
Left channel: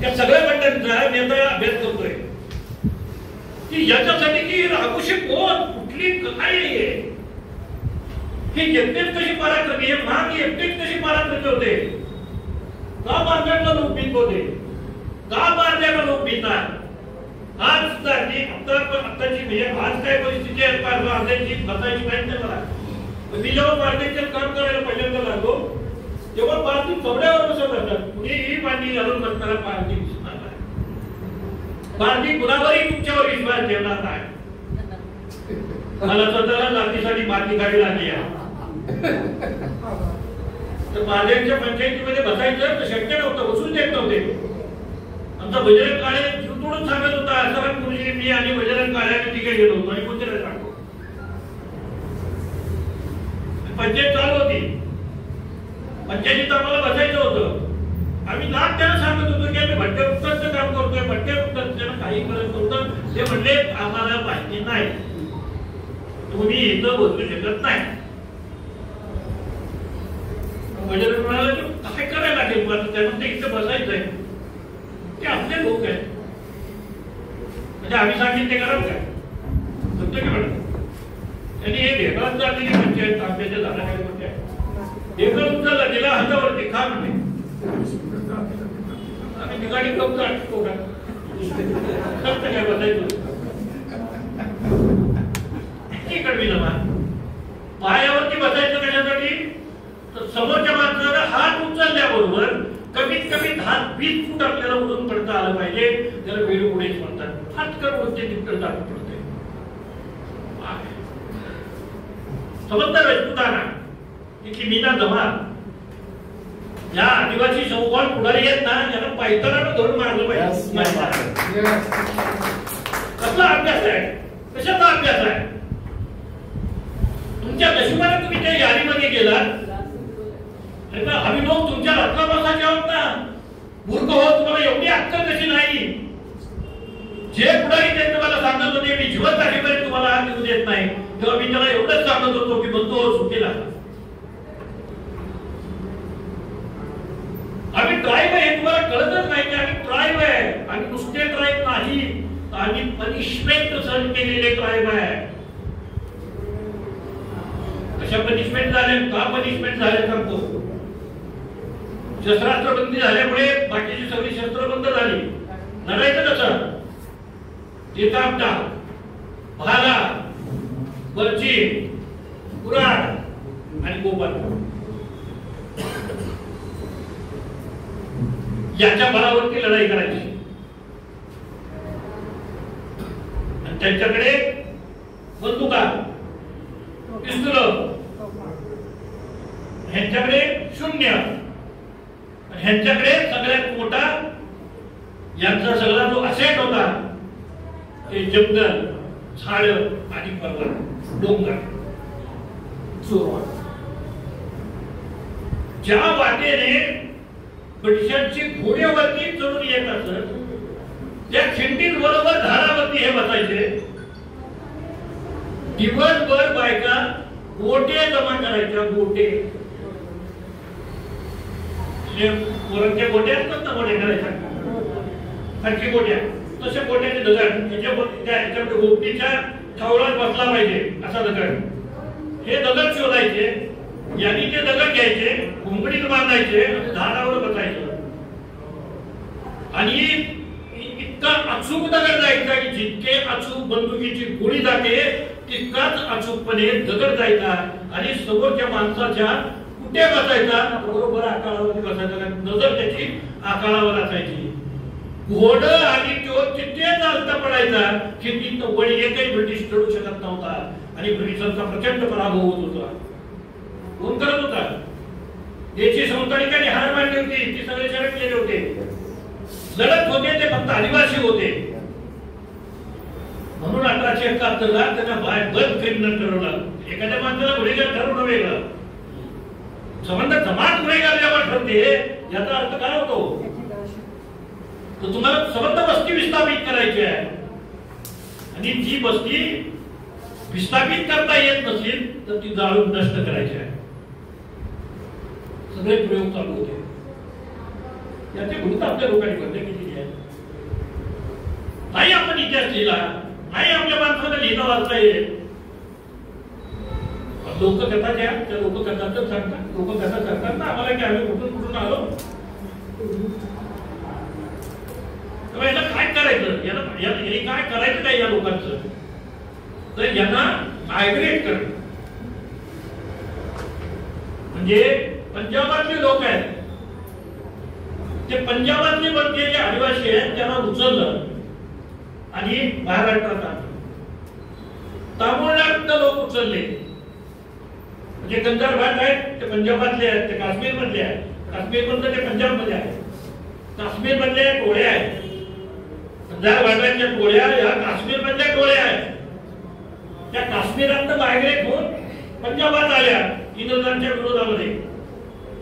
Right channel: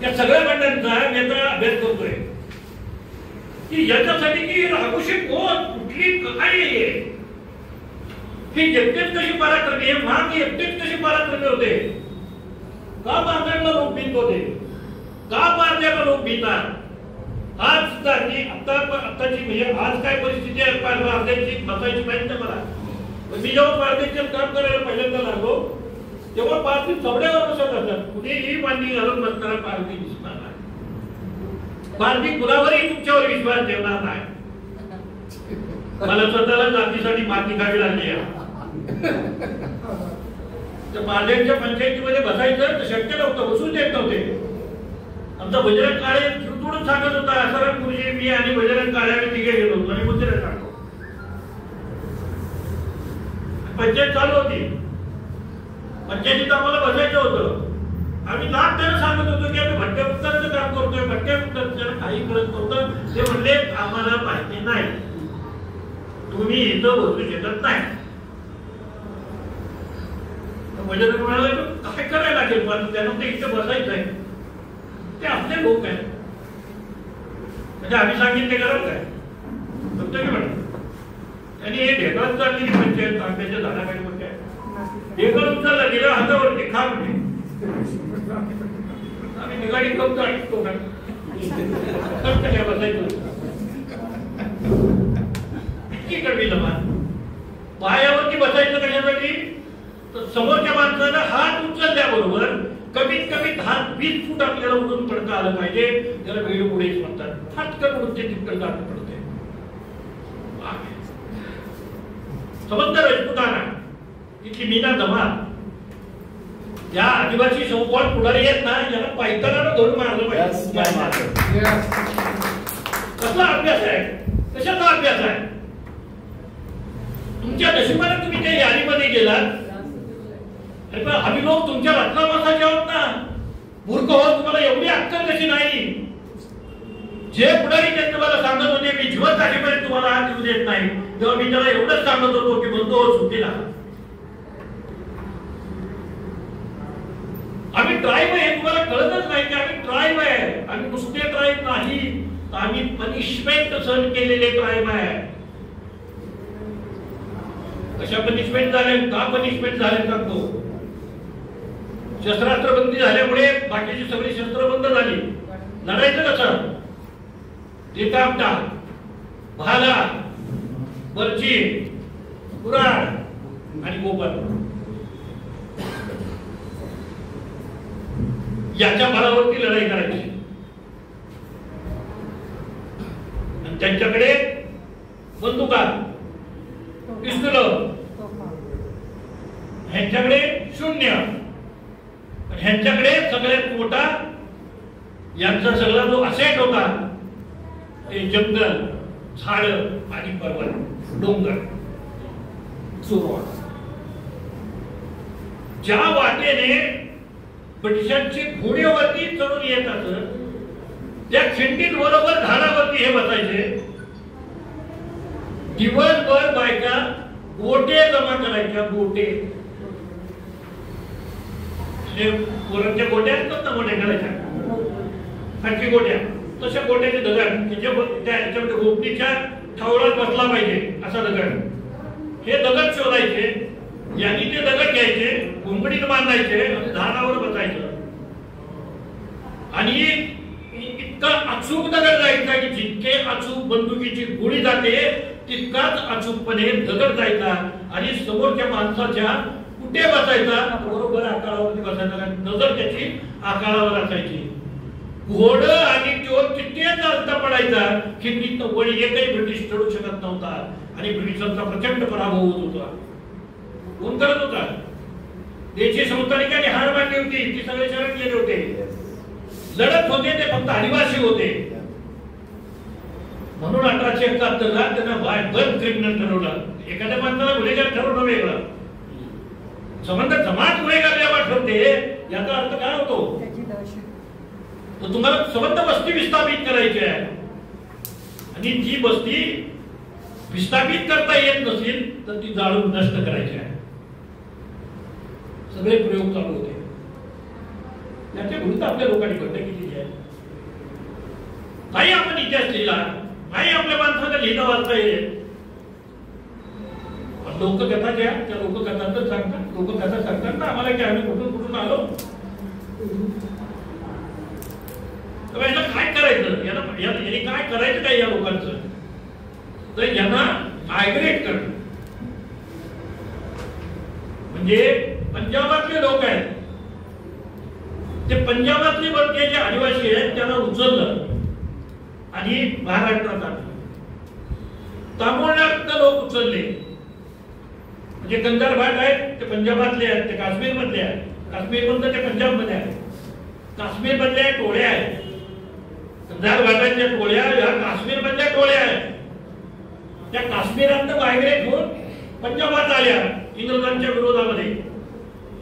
त्या सगळ्या बंडांचा नेता अभ्यास करतोय की याच्यासाठी की राघोशी कोण कुठली काय आहे की एकटेच कशी पराक्रमी आहे. महाग एकटेच कशी पराक्रमी होते. का मारण्याला लोक भीत होते. का मारण्याला लोक भीतात. आज सुद्धा आताची म्हणजे आज काय परिस्थिती आहे बांधायची बसायची माहिती नाही मला. मी जेव्हा बांधायचं काम करायला पहिल्यांदा लागलो तेव्हा पारधी चबड्यावर बसत असतात. कुणीही बांधणी घालून बसणारा पारधी दिसणार नाही. पारधी कुणावरही तुमच्यावर विश्वास ठेवणार नाही. मला स्वतःला जातीसाठी पारधी काढी लागली आहे. तर महादेवच्या पंचायतीमध्ये बसायचं तर शक्य नव्हतं. बसून देत नव्हते. आमचा बजरंग काळे तुडून सांगत होता आसाराम गुरुजी मी आणि बजरंग काळ्याने तिघे गेलो होतो आणि मुद्रे सांगतो. पंचायत चालू होती. पंचायतीत आम्हाला बसायचं होतं. आम्ही लाख त्यांना सांगत होतो की आम्ही भट्ट्या उत्तरचं काम करतोय. भट्ट्या उत्तरचं काही करत नव्हतं. ते म्हणले आम्हाला माहिती नाही. तुम्ही इथं बसू शकत नाही. बजरंग म्हणाला काय करायला लागेल पण त्यानंतर इथं बसायचं आहे. ते आपले लोक आहेत. म्हणजे आम्ही सांगितले कारण काय फक्त मी म्हणतो. त्यांनी हे ढेकळत चालली पंचायत आंब्याच्या झाडाखाली होत्या. ढेकळ उचलला गेला हातावरती खाम नाही. आम्ही ठिकाणी कौत आटतो का फक्त काय बसायचं. इतकी कडवी जमा पायावरती बसायचं कशासाठी तर समोरच्या माणसाला हात उचलल्याबरोबर कमीत कमी 10-20 फूट आपल्याला उडून पडता आलं पाहिजे. त्याला वेळी पुढेच म्हणतात. हातकर उडते तितकं जात पडते. समजतं राजपुताना तिथली मीना जमा या आदिवासी संकॉल पुढारी आहेत ना याला पायताना धरून मारलं पाहिजे. कसला अभ्यास आहे. कशाचा अभ्यास आहे. तुमच्या नशिबाने तुम्ही त्या यादीमध्ये गेलात. आम्ही लोक तुमच्या रत्नामासाचे आहोत ना. मूर्ख होत तुम्हाला एवढी जे पुढारी ते तुम्हाला सांगत होते मी जिवंत असेपर्यंत तुम्हाला हात देऊ देत नाही, तेव्हा मी त्याला एवढंच सांगत होतो की म्हणतो सुट्टीला आम्ही ट्राईब आहे, तुम्हाला कळतच नाही की आम्ही ट्राईब आहे. आम्ही नुसते ट्राईब नाही, आम्ही पनिशमेंट सहन केलेले ट्राईब आहे. कशा पनिशमेंट झाले, का पनिशमेंट झाले सांगतो. शस्त्रास्त्र बंदी झाल्यामुळे बाकीची सगळी शस्त्र बंद झाली. लढायचं कसं? देतापटा, भाला, बर्ची, कुऱ्हाड आणि गोबर याच्या बळावरती लढाई करायची. आणि त्यांच्याकडे बंदुका, पिस्तूल, ह्यांच्याकडे शून्य, ह्यांच्याकडे सगळ्यात मोठा यांचा सगळा जो असेट होता ते जंगल, झाड आणि पर्वत, डोंगर, सुरुवात. ज्या वाटेने ब्रिटिशांची घोड्यावरती चढून येत असत त्या खिंडीत बरोबर झाडावरती हे बसायचे. दिवसभर बायका गोटे जमा करायच्या. गोटे पोरांच्या गोट्या असतात ना, गोट्या करायच्या खालची गोट्या, तशा गोट्याचे दगड त्याच्यामध्ये गोपनीच्या ठावळात बसला पाहिजे असा दगड. हे दगड शोधायचे, यांनी ते दगड घ्यायचे, घुंगडीत बांधायचे आणि झाडावर बसायचं. आणि इतका अचूक दगड जायचा की जितके अचूक बंदुकीची गोळी जाते तितकाच अचूकपणे दगड जायचा आणि समोरच्या माणसाच्या कुठे बसायचा, बरोबर आकारावरती बसायचा. नजर त्याची आकारावर असायची. घोड आणि तो तिथे चालता पडायचा की ती वळी एकही ब्रिटिश चढू शकत नव्हता आणि ब्रिटिशांचा प्रचंड पराभव होत होता. कोण करत होता? देशी संस्थानिकांनी हार मांडली होती, ती सगळे शरण गेले होते. लढत होते ते फक्त आदिवासी होते. म्हणून 1871 त्यांना बाय बर्थ क्रिमिनल ठरवलं. एखाद्या माणसाला गुन्हेगार ठरवणं वेगळं, जमात गुन्हेगार जेव्हा ठरते याचा अर्थ काय होतो? तर तुम्हाला सबंध बस्ती विस्थापित करायची आहे आणि जी बस्ती विस्थापित करता येत नसेल तर ती जाळून नष्ट करायची आहे. सगळे प्रयोग चालू होते. याचे गुरुत्व आपल्या लोकांनी बंद केलेली आहे. नाही आपण इतिहास लिहिला, नाही आपल्या माणसाला लिहिता वाचता येईल. लोक कथा घ्या, त्या लोक कथा तर सांगतात. लोक कथा सांगतात ना आम्हाला की आम्ही कुठून आलो. याला काय करायचं, यांनी काय करायचं काय या लोकांचं? तर यांना मायग्रेट करणं. म्हणजे पंजाबातले लोक आहेत, ते पंजाबातले जे आदिवासी आहेत त्यांना उचललं आणि महाराष्ट्रात आणलं. तामिळनाडूतले लोक उचलले, म्हणजे कंधार भाग आहेत ते पंजाबातले आहेत, ते काश्मीर मधले आहेत, काश्मीर मधले ते पंजाब मध्ये आहेत, काश्मीर मधले टोळ्या आहेत, कंधार भागाच्या टोळ्या ह्या काश्मीर मधल्या टोळ्या आहेत. त्या काश्मीरात मायग्रेट होऊन पंजाबात आल्या इंग्रजांच्या विरोधामध्ये.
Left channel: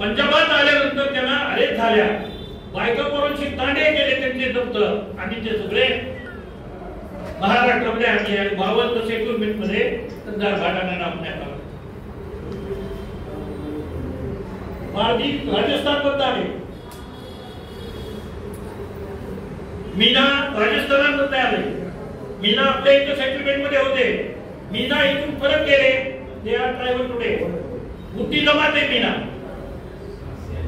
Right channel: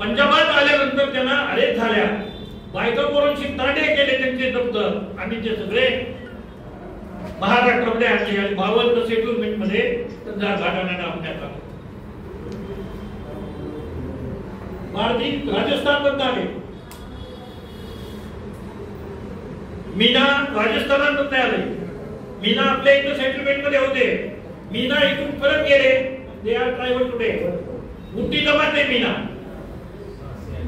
पंजाबात आल्यानंतर त्यांना अरेस्ट झाल्या, बायका पोरांची तांडे केले त्यांचे जप्त आणि ते सगळे महाराष्ट्रामध्ये आणले आणि 52 सेटलमेंट मध्ये कंधार भागांना नामण्यात आलं. राजस्थान बंद आहे, मीना राजस्थानामध्ये आले. मीना आपल्या इथं सेटलमेंट मध्ये होते. मीना इथून परत गेले. They are tribal today. मोठी जमात आहे मीना.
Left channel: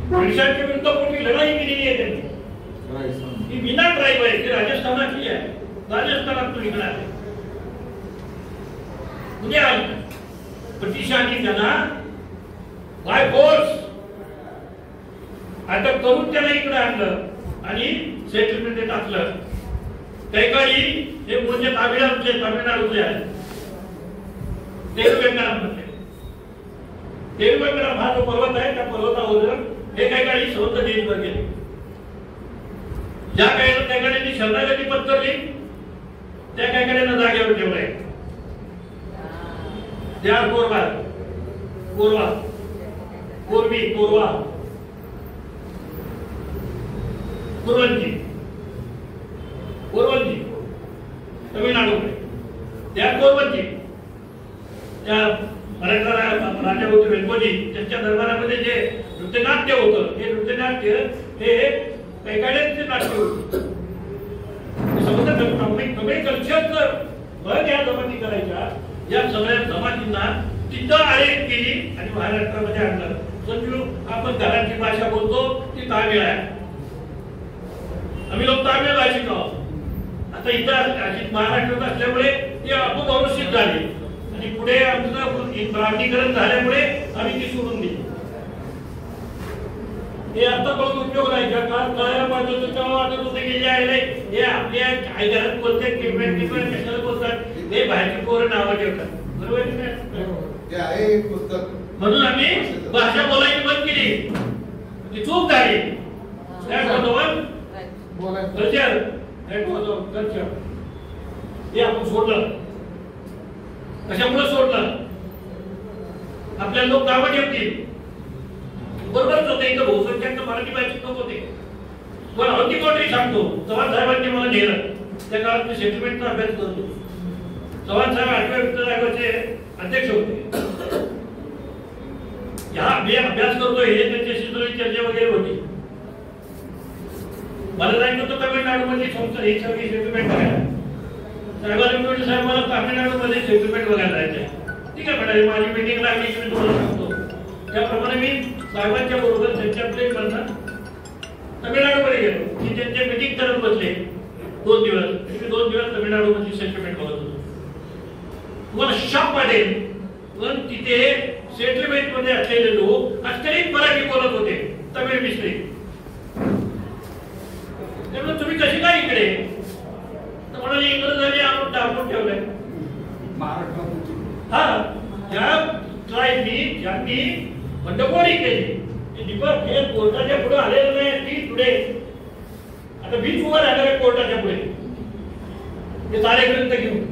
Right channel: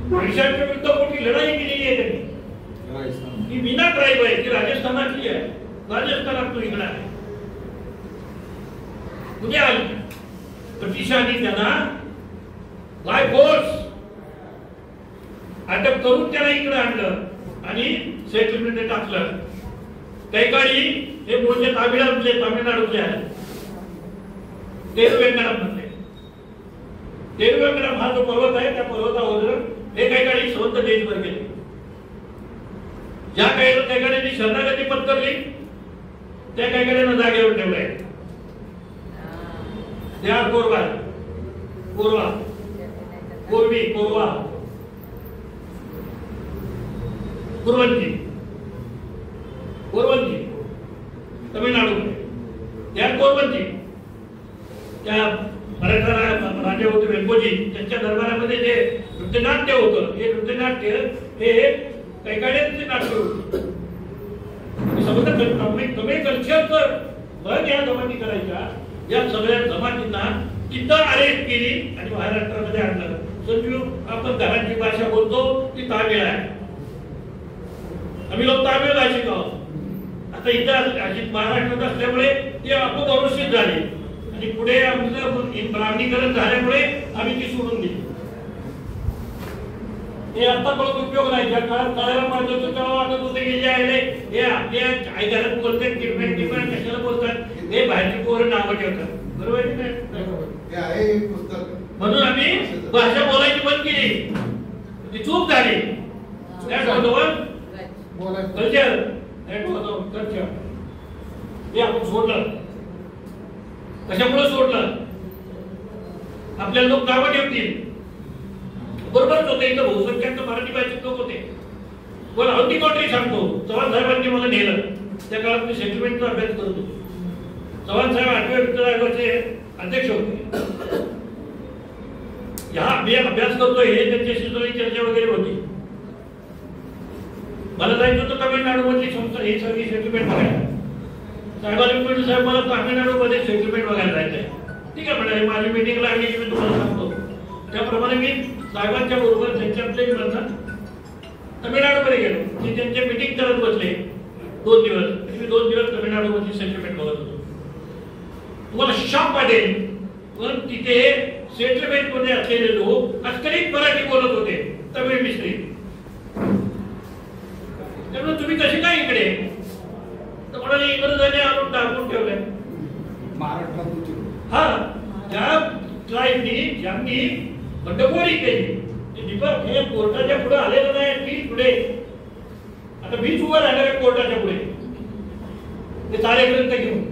ब्रिटिशांच्या विरुद्ध मोठी लढाई केलेली आहे त्यांनी. ही मीना ट्राईब आहे, ती राजस्थानाची आहे. राजस्थानातून इकडे आहे. उद्या आली ब्रिटिशांनी त्यांना बाय फोर्स अटक करून त्याला इकडे आणलं आणि सेटलमेंट टाकलं. काही काळी हे मूळचे तामिळनाडूचे आहे. देववेंकटराममध्ये देववेंकटराम हा जो पर्वत आहे त्या पर्वतावर हे काही काळी स्वतंत्र देशभर गेले. ज्या काही काळी शरणागती पत्करली त्या काही काळ्यांना जागेवर ठेवलंय. दे आर कोरवा, कोरवा, कोरवी, कोरवा, कुरवंजी, कुरवंजी तमिळनाडूमध्ये त्या कोरबंदी त्या मराठा राजा होते वेंगोजी त्यांच्या दरबारामध्ये जे नृत्यनाट्य होतं हे नृत्यनाट्य हे कैकाड्यांचे नाट्य होतं. तमिळ कल्चरचं भर या जमाती करायच्या. या सगळ्या जमातींना तिथं अरेस्ट केली आणि महाराष्ट्रामध्ये आणलं. संजू आपण घराची भाषा बोलतो ती तामिळ आहे. आम्ही लोक तामिळ भाषिक आहोत. आता इथं महाराष्ट्रात असल्यामुळे ते अपभ्रंशित झाली आणि पुढे आमचं ब्राह्मणीकरण झाल्यामुळे आम्ही ती सोडून दिली. हे आता पण उपयोग नाही. कळायला पाहिजे होतं तेव्हा वाटत होतं की जे आहे हे आपल्या काही घरात बोलतात किंवा कशाला बोलतात हे बाहेरची पोरं नावं ठेवतात. बरोबर की नाही? म्हणून आम्ही भाषा बोलायची बंद केली. ती चूक झाली. कल्चर हे आपण सोडलं. कशामुळे सोडलं? आपल्या लोक गावं ठेवतील. बरोबरच होते. इथं बहुसंख्याक मराठी भाषिक लोक होते. पण अगदी कोणतरी सांगतो चव्हाण साहेबांनी मला नेलं. त्या काळात मी सेटलमेंटचा अभ्यास करत होतो. चव्हाण साहेब 8व्या वित्त आयोगाचे अध्यक्ष होते. मी अभ्यास करतोय हे त्यांच्याशी चर्चा वगैरे होती. मला जायचं होतं तमिळनाडूमधली संस्था ही सगळी सेटलमेंट बघायला. साहेबांनी म्हटलं साहेब मला तामिळनाडूमध्ये सेटलमेंट बघायला जायचंय. ठीक आहे म्हणाले माझी मिटिंग लागली की मी तुम्हाला सांगतो. त्याप्रमाणे मी साहेबांच्या बरोबर त्यांच्या प्लेन मधनं तमिळनाडूमध्ये गेलो. मी त्यांच्या मिटिंग करत बसले 2 दिवस. मी 2 दिवस तमिळनाडूमधली सेटलमेंट बघत होतो. तुम्हाला शाप वाटेल पण तिथे सेटलमेंट मध्ये असलेले लोक अस्खलित मराठी बोलत होते. तमिळ मिश्रित. त्यामुळे तुम्ही कशी काय इकडे तर म्हणाले इंग्रजांनी आणून टाकून ठेवलंय. हा ज्या ट्राईबनी ज्यांनी बंडखोरी केली ते दीपक हे कोर्टाच्या पुढे आलेलं नाही. मी पुढे आता मीच उभं राहणार आहे कोर्टाच्या पुढे हे सारे ग्रंथ घेऊन.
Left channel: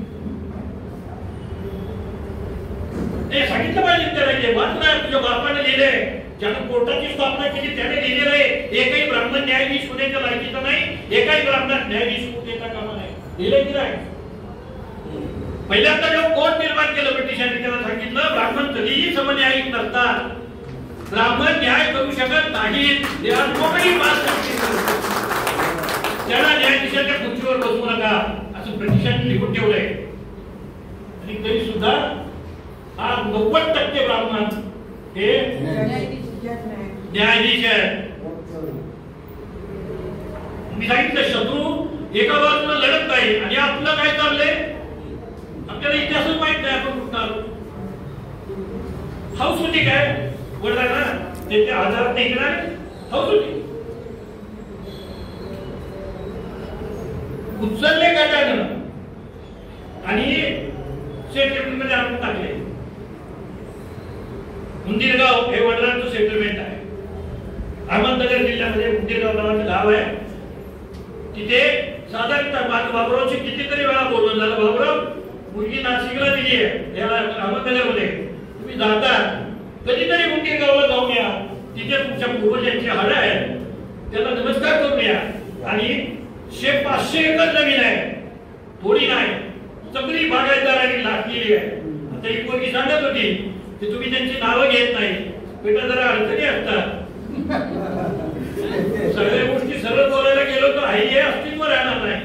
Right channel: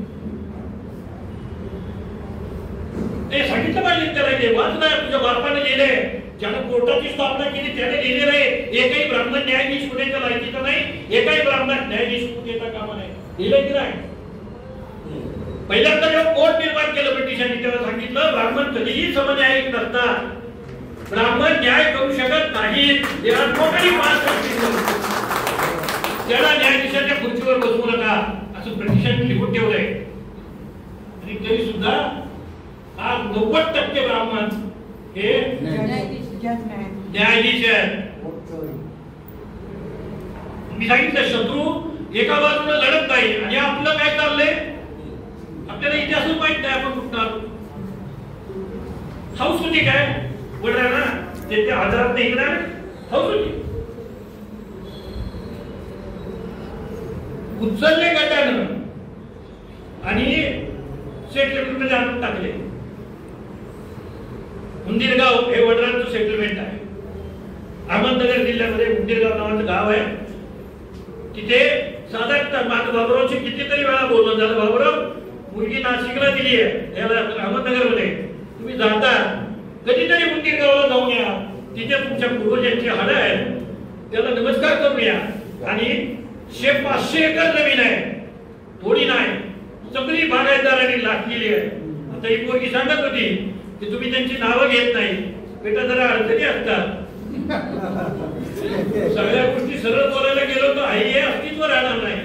ते सांगितलं पाहिजे त्याला वाचणार तुझ्या बापाने लिहिलंय. ज्यानं कोर्टाची स्थापना केली त्याने लिहिलेलं आहे. एकही ब्राह्मण न्यायाधीश होण्याच्या लायकीचा नाही. एकही ब्राह्मण न्यायाधीश होऊ देता कामा नाही. लिहिलंय की नाही? पहिल्यांदा जेव्हा कोर्ट निर्माण केलं ब्रिटिशांनी तेव्हा सांगितलं ब्राह्मण कधीही समन्यायिक नसतात. ब्राह्मण न्याय करू शकत नाहीत. They are totally pass. त्याला न्यायाधीशाच्या खुर्चीवर बसवू नका असं ब्रिटिशांनी लिहून ठेवलंय. आणि तरी सुद्धा आज 90% ब्राह्मण हे न्यायाधीश आहे. मी सांगितलं शत्रू एका बाजूला लढत नाही आणि आपलं काय चाललंय आपल्याला इतिहासच माहित नाही. आपण कुठं आलो. हाऊस होती काय बोलणार ना ते आजारात नाही गेला. हाऊस होती उचलले गटानं आणि सेटलमेंट मध्ये आपण टाकले. उंदीरगाव हे वडिलांचं सेटलमेंट आहे. अहमदनगर जिल्ह्यामध्ये उंदीरगाव नावाचं गाव आहे. तिथे साधारण बाबुरावची कितीतरी वेळा बोलणं झालं. बाबुराव मुलगी नाशिकला दिली आहे याला अहमदनगर मध्ये तुम्ही जाता कधीतरी उंदीरगावला जाऊन या. तिथे तुमच्या पूर्वजांची हाडं आहेत त्याला नमस्कार करून या. आणि 500 एकर जमीन आहे. थोडी नाही सगळी बागायतदारांनी लागलेली आहे. आता ही पोरगी सांगत होती की तुम्ही त्यांची नावं घेत नाही. बेटा जरा अडचणी असतात. सगळ्या गोष्टी सरळ बोलायला गेलो तर हे अस्तित्व राहणार नाही.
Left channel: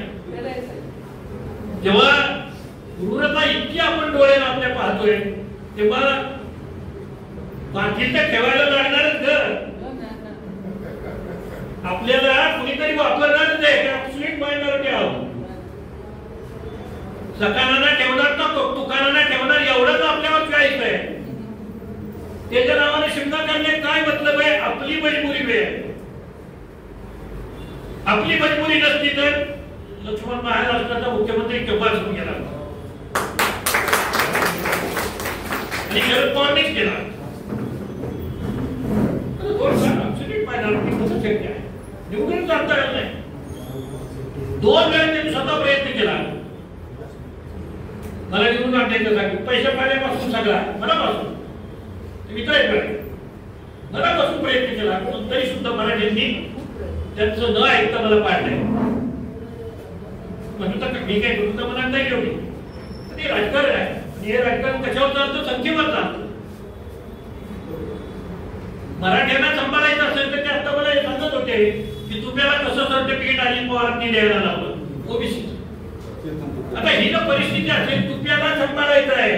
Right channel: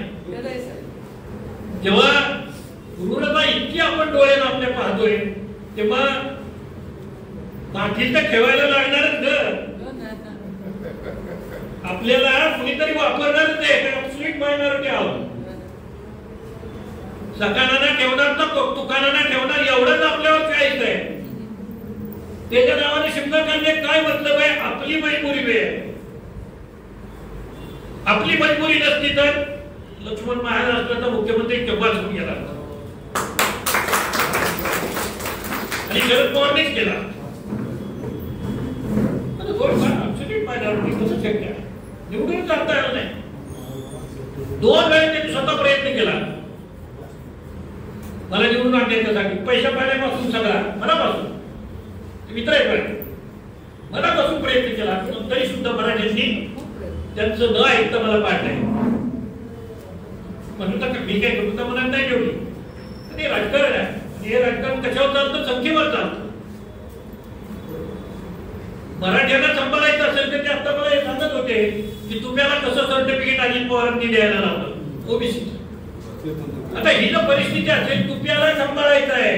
जेव्हा क्रूरता इतकी आपण डोळ्याला आपल्या पाहतोय तेव्हा बाकी तर ठेवायला लागणारच घर. आपल्याला कुणीतरी वापरणारच आहे. स्वीट मायनॉरिटी आहोत. सकानाना ठेवणार तर तुकानाना ठेवणार एवढंच आपल्यावर चाळीस आहे. त्याच्या नावाने शिमगा करण्यात काय मतलब आहे? आपली मजबुरी वेळ आहे. आपली मजबुरी नसती तर लक्ष्मण महाराज असला तर मुख्यमंत्री केव्हाच होऊन गेला आणि शरद पवारनीच केला. कसं शक्य आहे? निवडून करता येत नाही. 2 वेळा त्यांनी स्वतः प्रयत्न केला मला निवडून आणण्यासाठी. पैसे पाण्यापासून सगळा मनापासून मित्र आहे मनापासून प्रयत्न केला. तरी सुद्धा मराठ्यांनी त्यांचं न ऐकता मला पाडलंय. म्हणून तर मी काही करू म्हणत नाही तेवढी. ते राजकारण आहे. हे राजकारण कशावर चालतं? संख्येवर चालतं. मराठ्यांना सांभाळायचं असेल तर ते आता मला सांगत होते की तुम्हाला कसं सर्टिफिकेट अजित पवारांनी द्यायला लावलं ओबीसी. आता ही जर परिस्थिती असेल तुप्याला सांभाळायचं आहे,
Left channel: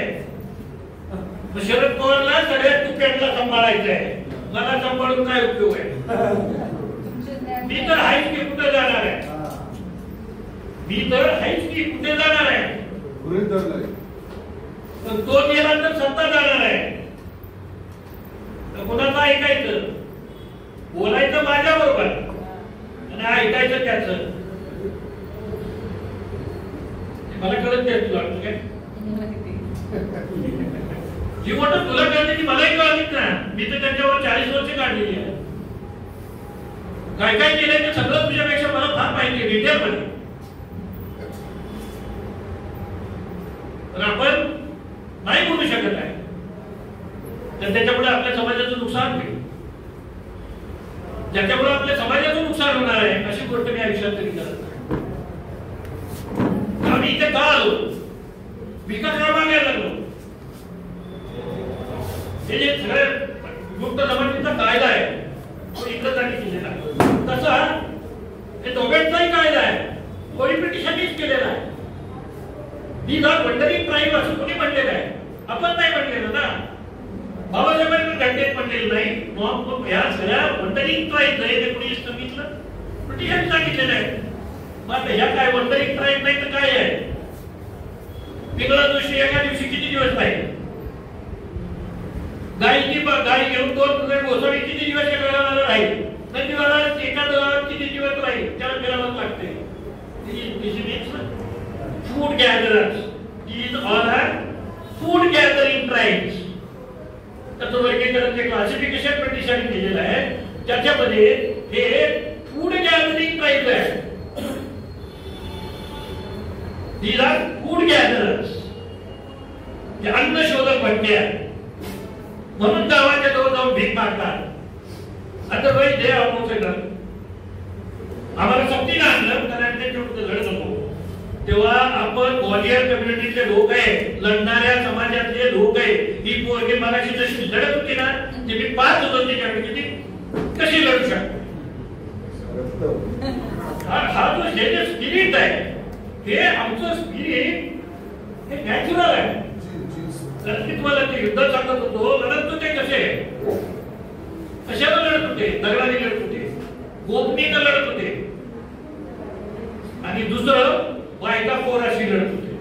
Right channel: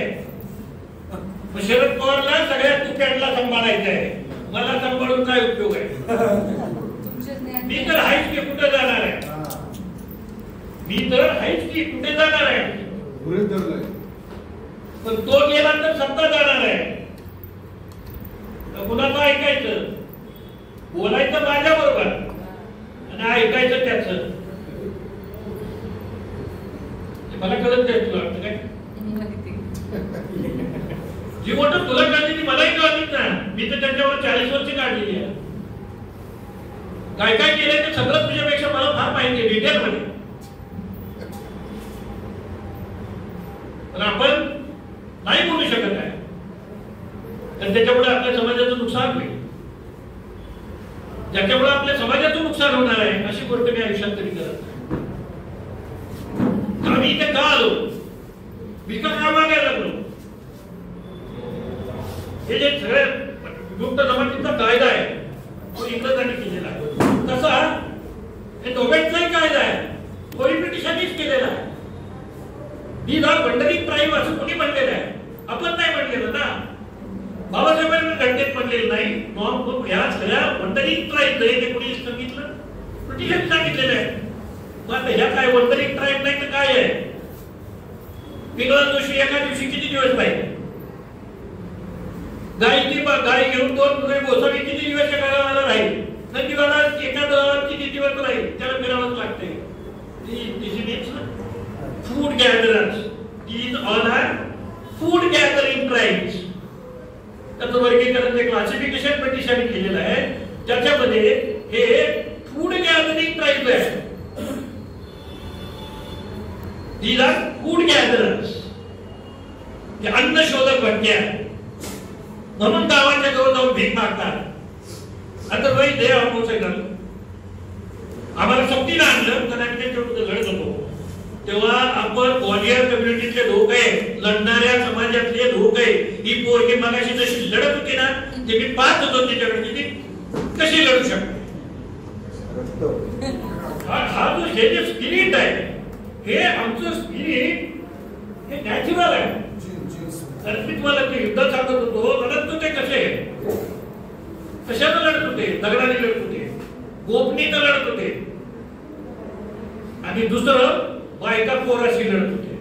शरद पवारला सगळ्या तुप्यांना सांभाळायचं आहे, मला सांभाळून काय उपयोग आहे? मी तर आहेच की कुठे जाणार आहे? मी तर आहेच की कुठे जाणार आहे? पण तो गेला तर सत्ता जाणार आहे. तर कुणाचं ऐकायचं? बोलायचं माझ्या बरोबर आणि ऐकायचं त्याचं. मला कळत नाही. तुला वाटतं काय जी वाटत तुला कळते ती मलाही कळत ना. मी तर त्यांच्यावर 40 वर्ष काढलेली आहे. काय काय केलंय तर सगळं तुझ्यापेक्षा मला फार माहिती आहे डिटेलमध्ये. पण आपण नाही बोलू शकत आहे तर त्याच्यामुळे आपल्या समाजाचं नुकसान होईल. ज्याच्यामुळे आपल्या समाजाचं नुकसान होणार आहे अशी गोष्ट मी आयुष्यात तरी करत नाही. आम्ही इथे का आलो? विकास का मागायला लागलो? हे जे सगळे गुप्त जमातीचा कायदा आहे तो इंग्रजांनी केलेला आहे. तसा हे दोघांचाही कायदा आहे तोही ब्रिटिशांनीच केलेला आहे. दीज आर वंडरिंग ट्राईब असं कोणी म्हणलेलं आहे? आपण नाही म्हणलेलं ना. बाबासाहेबांनी घटनेत म्हणलेलं नाही. या सगळ्या वंडरिंग ट्राईब हे कोणी सांगितलं? ब्रिटिशांनी सांगितलेलं आहे. मग ह्या काय वंडरिंग ट्राईब नाही तर काय आहे? पिंगळा जोशी एका दिवशी किती दिवस राहील? गाई घेऊन 2 गोसावी किती दिवस एका राहील? नंदीवाला एका दलाला किती दिवस राहील? त्याला फिरावंच लागते. Food gatherers. These all are food gathering tribes. त्याचं वर्गीकरण ते क्लासिफिकेशन ब्रिटिशांनी केलेलं आहे. त्याच्यामध्ये हे फूड गॅदरिंग ट्राईब आहे. These are food gatherers. ते अन्न शोधक भटके आहेत. म्हणून गावाच्या जवळ जाऊन भीक मागतात. Otherwise they are opposite. आम्हाला सक्तीनं आणलं कारण ते लढत होतो. तेव्हा आपण ग्वालियर कम्युनिटीतले लोक आहे, लढणाऱ्या समाजातले लोक आहे. ही पोरगी मगाशी जशी लढत होती ना ते मी पाहत होतो तिच्याकडे कशी लढू शकते. हा जो हे स्पिरिट आहे हे आमचं स्पिरिट हे नॅचरल आहे. तुम्हाला ते युद्ध सांगत होतो लढत होते कसे कशात लढत होते? दगडाने लढत होते, गोपनीनं लढत होते आणि दुसरं बायका पोराशी लढत होते.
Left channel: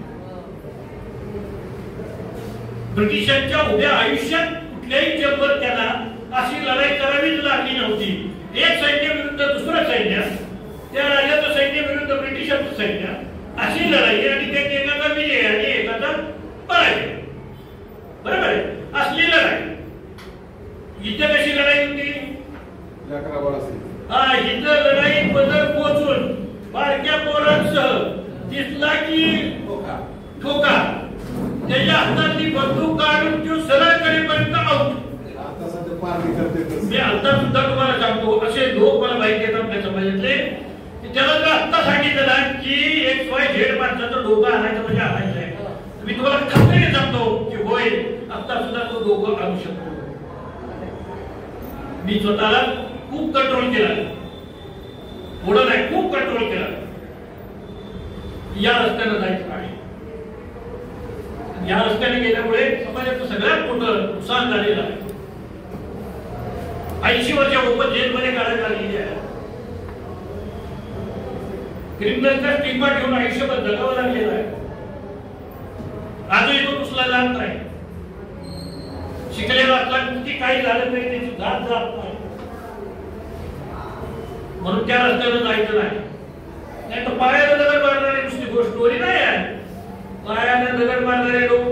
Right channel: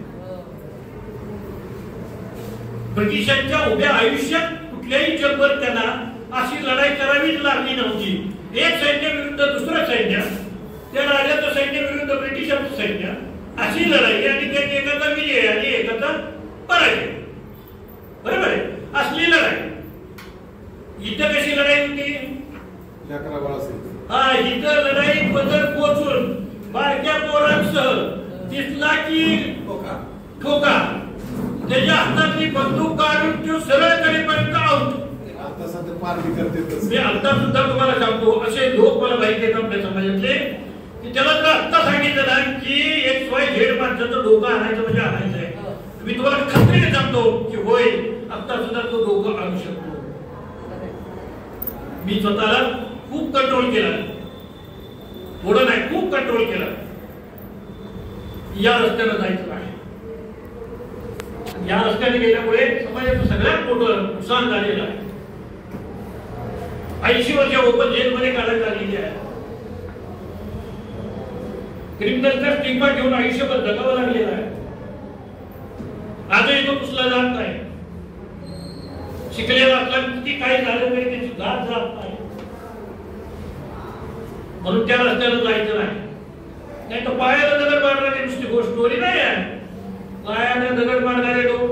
ब्रिटिशांच्या उभ्या आयुष्यात कुठल्याही जगभर त्यांना अशी लढाई करावीच लागली नव्हती. एक सैन्य विरुद्ध दुसरं सैन्य, त्या राजाचं सैन्य विरुद्ध ब्रिटिशांचं सैन्य, अशी लढाई आणि त्यात एकाचा विजय आणि एकाचा पराजय. बरोबर आहे? असली लढाई. इथं कशी लढाई होती? इथं लढाई बदल पोचून बारक्या पोरांसह दिसला की ठोका त्याच्या हातातली बंदूक काढून तो सरळकडे पण आउट. मी आता सुद्धा तुम्हाला सांगतो असे लोक मला माहिती आहेत आपल्या समाजातले. त्याला जर आत्ता सांगितलं ना की XYZ माणसाचं डोकं आणायचं म्हणजे आणायचं आहे, मी तुम्हाला खात्रीने सांगतो की होय आत्ता सुद्धा तो डोकं आणू शकतो. मी स्वतःला खूप कंट्रोल केला, थोडं नाही खूप कंट्रोल केला. या रस्त्यानं जायचं काय? या रस्त्याने गेल्यामुळे समाजाचं सगळ्यात मोठं नुकसान झालेलं आहे. 80 वर्ष ओपन जेलमध्ये काढण्यात आलेली आहे. क्रिमिनलचा स्टिग्मा ठेवून आयुष्यभर जगावं लागलेलं आहे. आजही तो पुसला जात नाही. शिकलेला असला किती काही झालं तरी त्याची जात जात नाही. म्हणून त्या रस्त्याला जायचं नाही. नाही तर पायाला दगड मारणारी नुसती गोष्ट नाही आहे. पायाला दगड मारणारे लोक,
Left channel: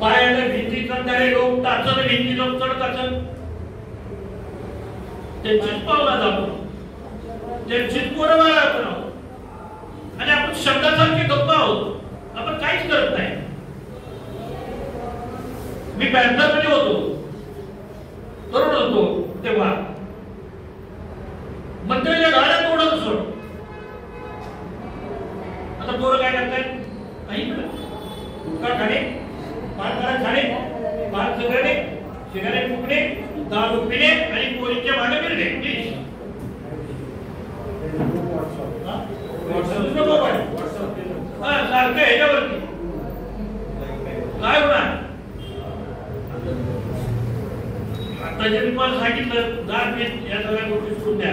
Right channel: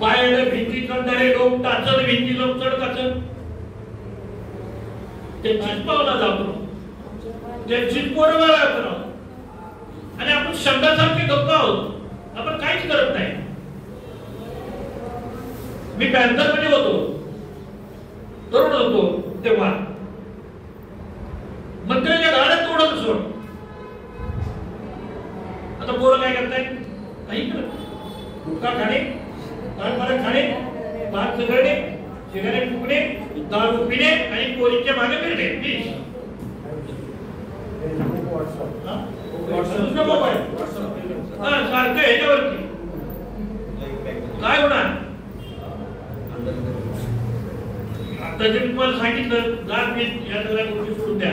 पायाला भिंती चढणारे लोक, टाचत भिंतीला चढ त्यांचीच पावला जातो, त्यांचीच पोरं मारा आणि आपण शब्दासारखे गप्प आहोत. आपण काहीच करत नाही. मी पॅन्थर मध्ये होतो, तरुण होतो तेव्हा मंदिराच्या गाड्या तोडत सोड. उदाहरण या सगळ्या गोष्टी सोडून द्या.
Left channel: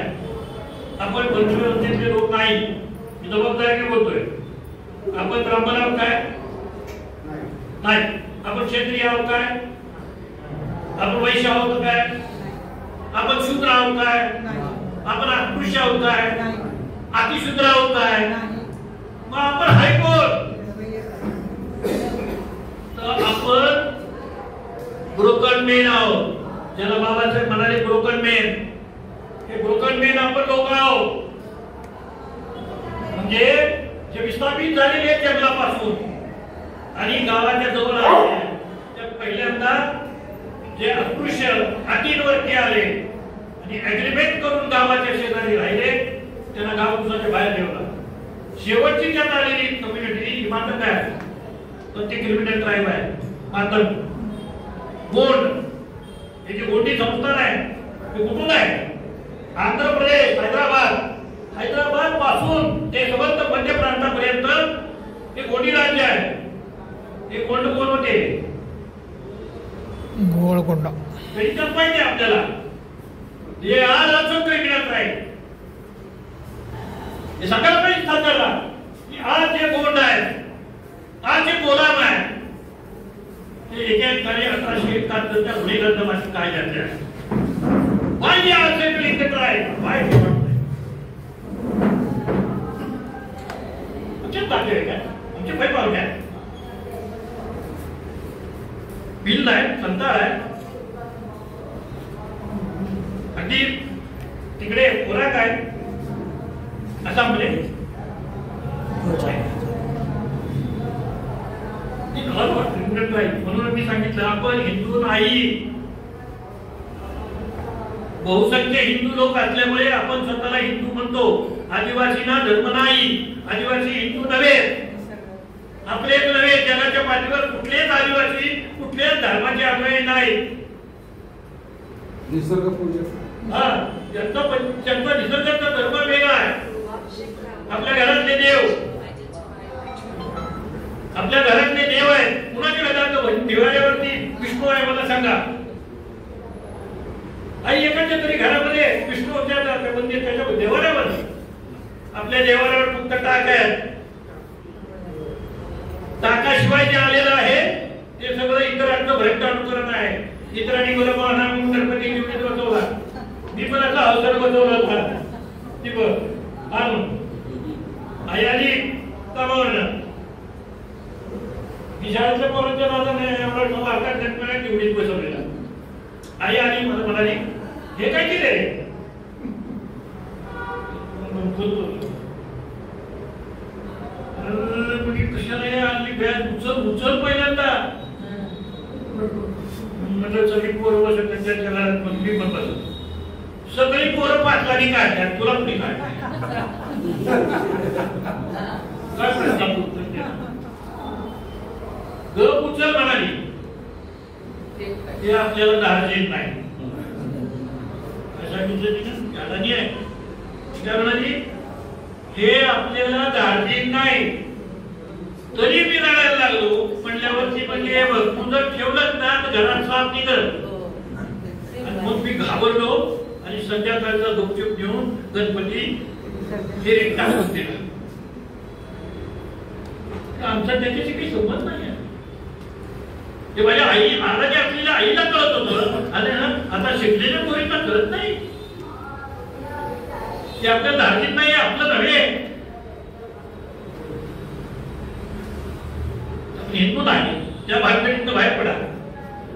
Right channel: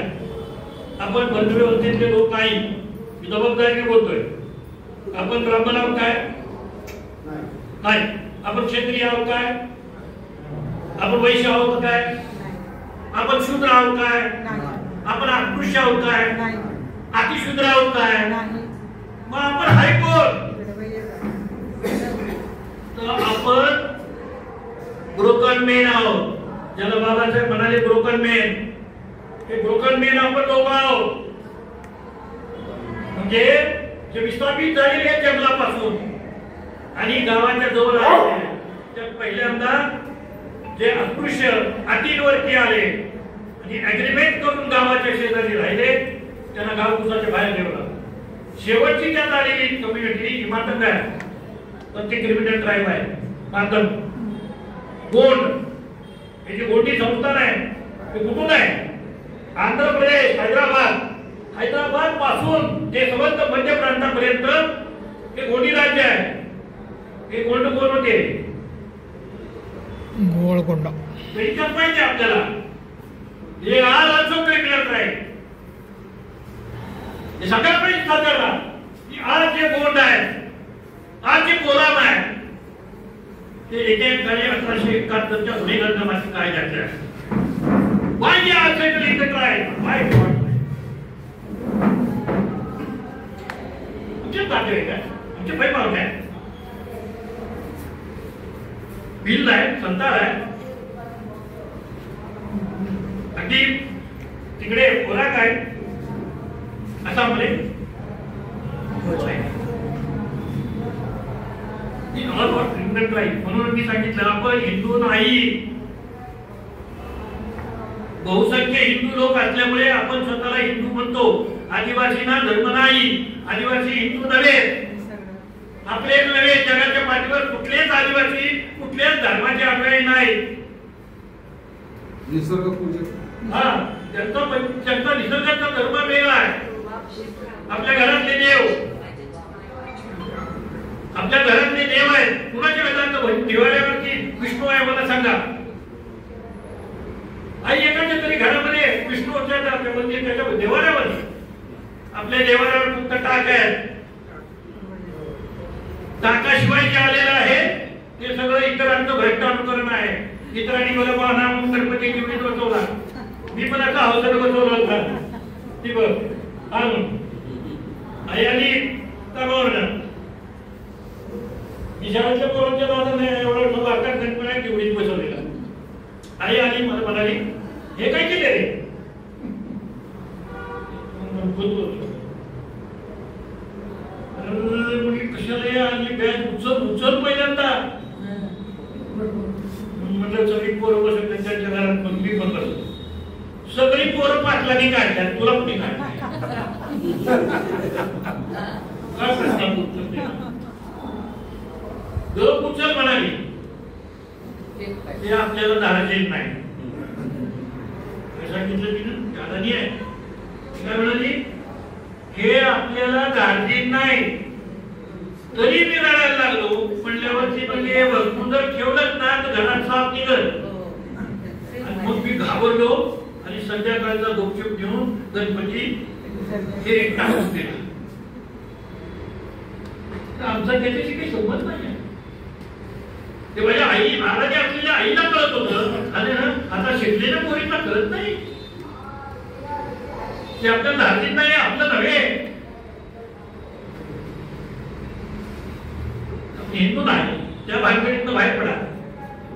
आपण धर्मव्यवस्थेतले लोक नाही, मी जबाबदारीने बोलतोय. आपण ब्राह्मण आहोत काय? नाही. आपण क्षत्रिय आहोत काय? आपण वैश्य आहोत काय? आपण शूद्र आहोत काय? आपण अस्पृश्य आहोत काय? अतिशूद्र आहोत काय? मग आपण हायकोर्ट. तर आपण ब्रोकन मेन आहोत. ज्याला बाबासाहेब म्हणाले ब्रोकन मेन, हे ब्रोकन मेन आपण लोक आहोत. म्हणजे जे विस्थापित झालेले आहेत जंगलापासून आणि गावाच्या जवळ आले, त्यात पहिल्यांदा जे अस्पृश्य अटींवरती आले आणि अग्रीमेंट करून गावाच्या शेजारी राहिले, त्यांना गाव उसाच्या बाहेर ठेवला. शेवटची त्यात आलेली कम्युनिटी ही मातंग आहे, पण ते क्रिमिनल ट्राईब आहे. मातंग गोंड हे जे गोंडी संस्थान आहे ते कुठून आहे? आंध्र प्रदेश, हैदराबाद पासून ते समस्त मध्य प्रांतापर्यंत हे गोंडी राज्य आहे. हे गोंड कोण होते? गोळकोंडा. त्याच्यात माहिती आपल्याला हे आज अजून क्रिमिनल ट्राईब. हे सगळ्यात माहिती सातारला की आज जे गोंड आहे, आज जे कोलाम आहे, ते एक झाले 1871च्या गुन्हेगार काय झाले. Why they are settling the tribe? Why they want? आमचे ताटे काय? आमचे भाई पाहुणे आहेत. बिल आहे, संतार आहे. अगदी तिकडे खोराक आहे आसाममध्ये. म्हणून मी सांगितलं आपण हिंदू नाही. बहुसंख्य हिंदू लोक असल्यामुळे आपण स्वतःला हिंदू म्हणतो. आदिवासींना धर्म नाही, आदिवासी हिंदू नव्हे, आपलेच नव्हे, जगाच्या पाठीवर कुठलेच आदिवासी कुठल्याच धर्माचे अनुयायी नाही. निसर्ग पूजक. हा, त्यांचा निसर्गाचा धर्म वेगळा आहे. आपल्या घरातले देव, आपल्या घरातले देव आहेत. कुणाच्या घरात दिवाळीवरती विष्णू आहे मला सांगा. आई एकाच्या तरी घरामध्ये विष्णूच्या म्हणजे त्याच्या देवाऱ्यावर, आपल्या देवाऱ्यावर फक्त टाक आहे. टाकाशिवाय जे आलेलं आहे ते सगळं इतरांचं भयंकर अनुकरण आहे. इतरांनी मला पाहणा म्हणून गणपती घेऊन बसवला, मी पण असा अवसर बसवला होता. ती बघ आई आली कामावरनं. मी शाळेच्या पोरांच्या नावाने वारकार गणपती तेवढीच बसवलेला. आई आली मला म्हणाली हे काय केले रे? कशाला आणली बॅग? उचल पहिल्यांदा. म्हटलं सगळी पोरं बसत त्यांच्या घरात मी पण बसत. सगळी पोरं पाटलानी काढतात, तुला कुठे काढतात? काय प्रश्न गप उचल म्हणाली. हे आपल्याला धार्जिक नाही. आहे काय म्हणाली? हे आपल्याला धार्जिक नाही. तरी मी रडायला लागलो. म्हणल्यावरती म्हणजे वस्तू जर ठेवलंच ना तर घरात साप निघत. मग मी घाबरलो आणि संध्याकाळचा गुपचूप घेऊन गणपती हे टाकून दिला. आमचा त्याच्याशी काही संबंध नाही. ते माझ्या आई महाराज असलेल्या आईला कळत होतं आणि आता शिकलेल्या पोरींना कळत नाही. ते आपलं धार्जिक नाही, आपलं नव्हे. हिंदू नाही, त्या भानगडीतनं बाहेर पडा.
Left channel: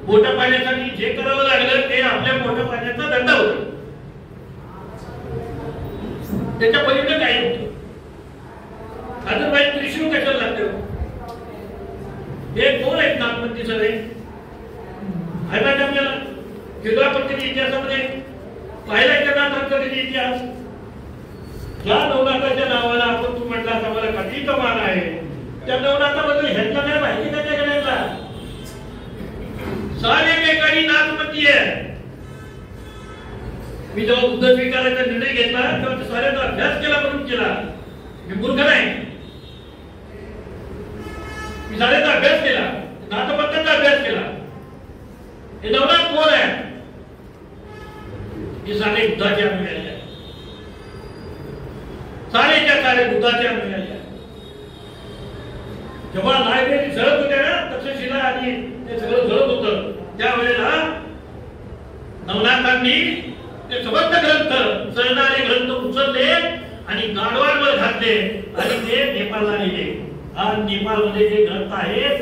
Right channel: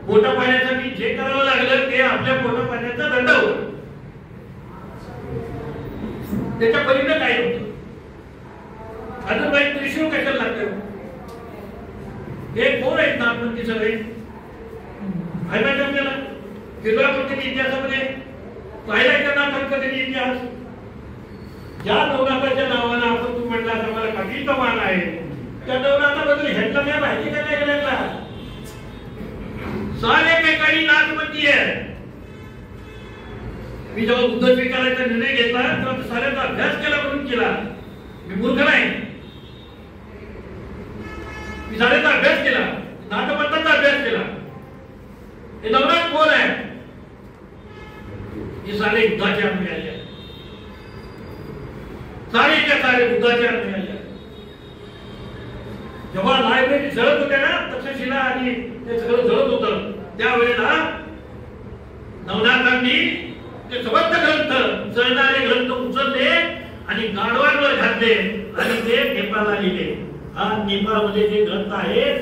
पोटा पाण्यासाठी जे करावं लागलं ते आपल्या पोटा पाण्याचा दंड होता. त्याच्या परीनं काही होतं. अदरवाईज त्रिशूळ कशाला लागतं? हे कोण आहेत नागपंथी सगळे? फायदा आपल्याला किल्ला पद्धती इतिहासामध्ये पाहिला का नाथांचा कधी इतिहास? ज्या नवनाथाच्या नावाला आपण तू म्हटला आम्हाला कधी तो मान आहे, त्या नवनाथाबद्दल ह्यातला काय माहिती का त्या गेल्याला? सारे काही नाथपंथी आहे. मी जेव्हा बुद्ध स्वीकारायचा निर्णय घेतला तेव्हा साऱ्याचा अभ्यास केला म्हणून केला. मी मूर्ख नाही. मी साऱ्याचा अभ्यास केला, नाथपंथाचा अभ्यास केला. हे नवनाथ कोण आहे? हे सारे दुधाच्या मिळाले आहे, सारेच्या सारे दुधाच्या मिळाले आहे. जेव्हा लायब्ररी जळत होत्या ना, तक्षशिला आणि ते सगळं जळत होतं, त्यावेळेला नवनाथांनी ते सबंध ग्रंथ, जळणारे ग्रंथ उचलले आणि गाडवांवर घातले आणि ते नेपाळला नेले. हा नेपाळमध्ये जे ग्रंथ आहेत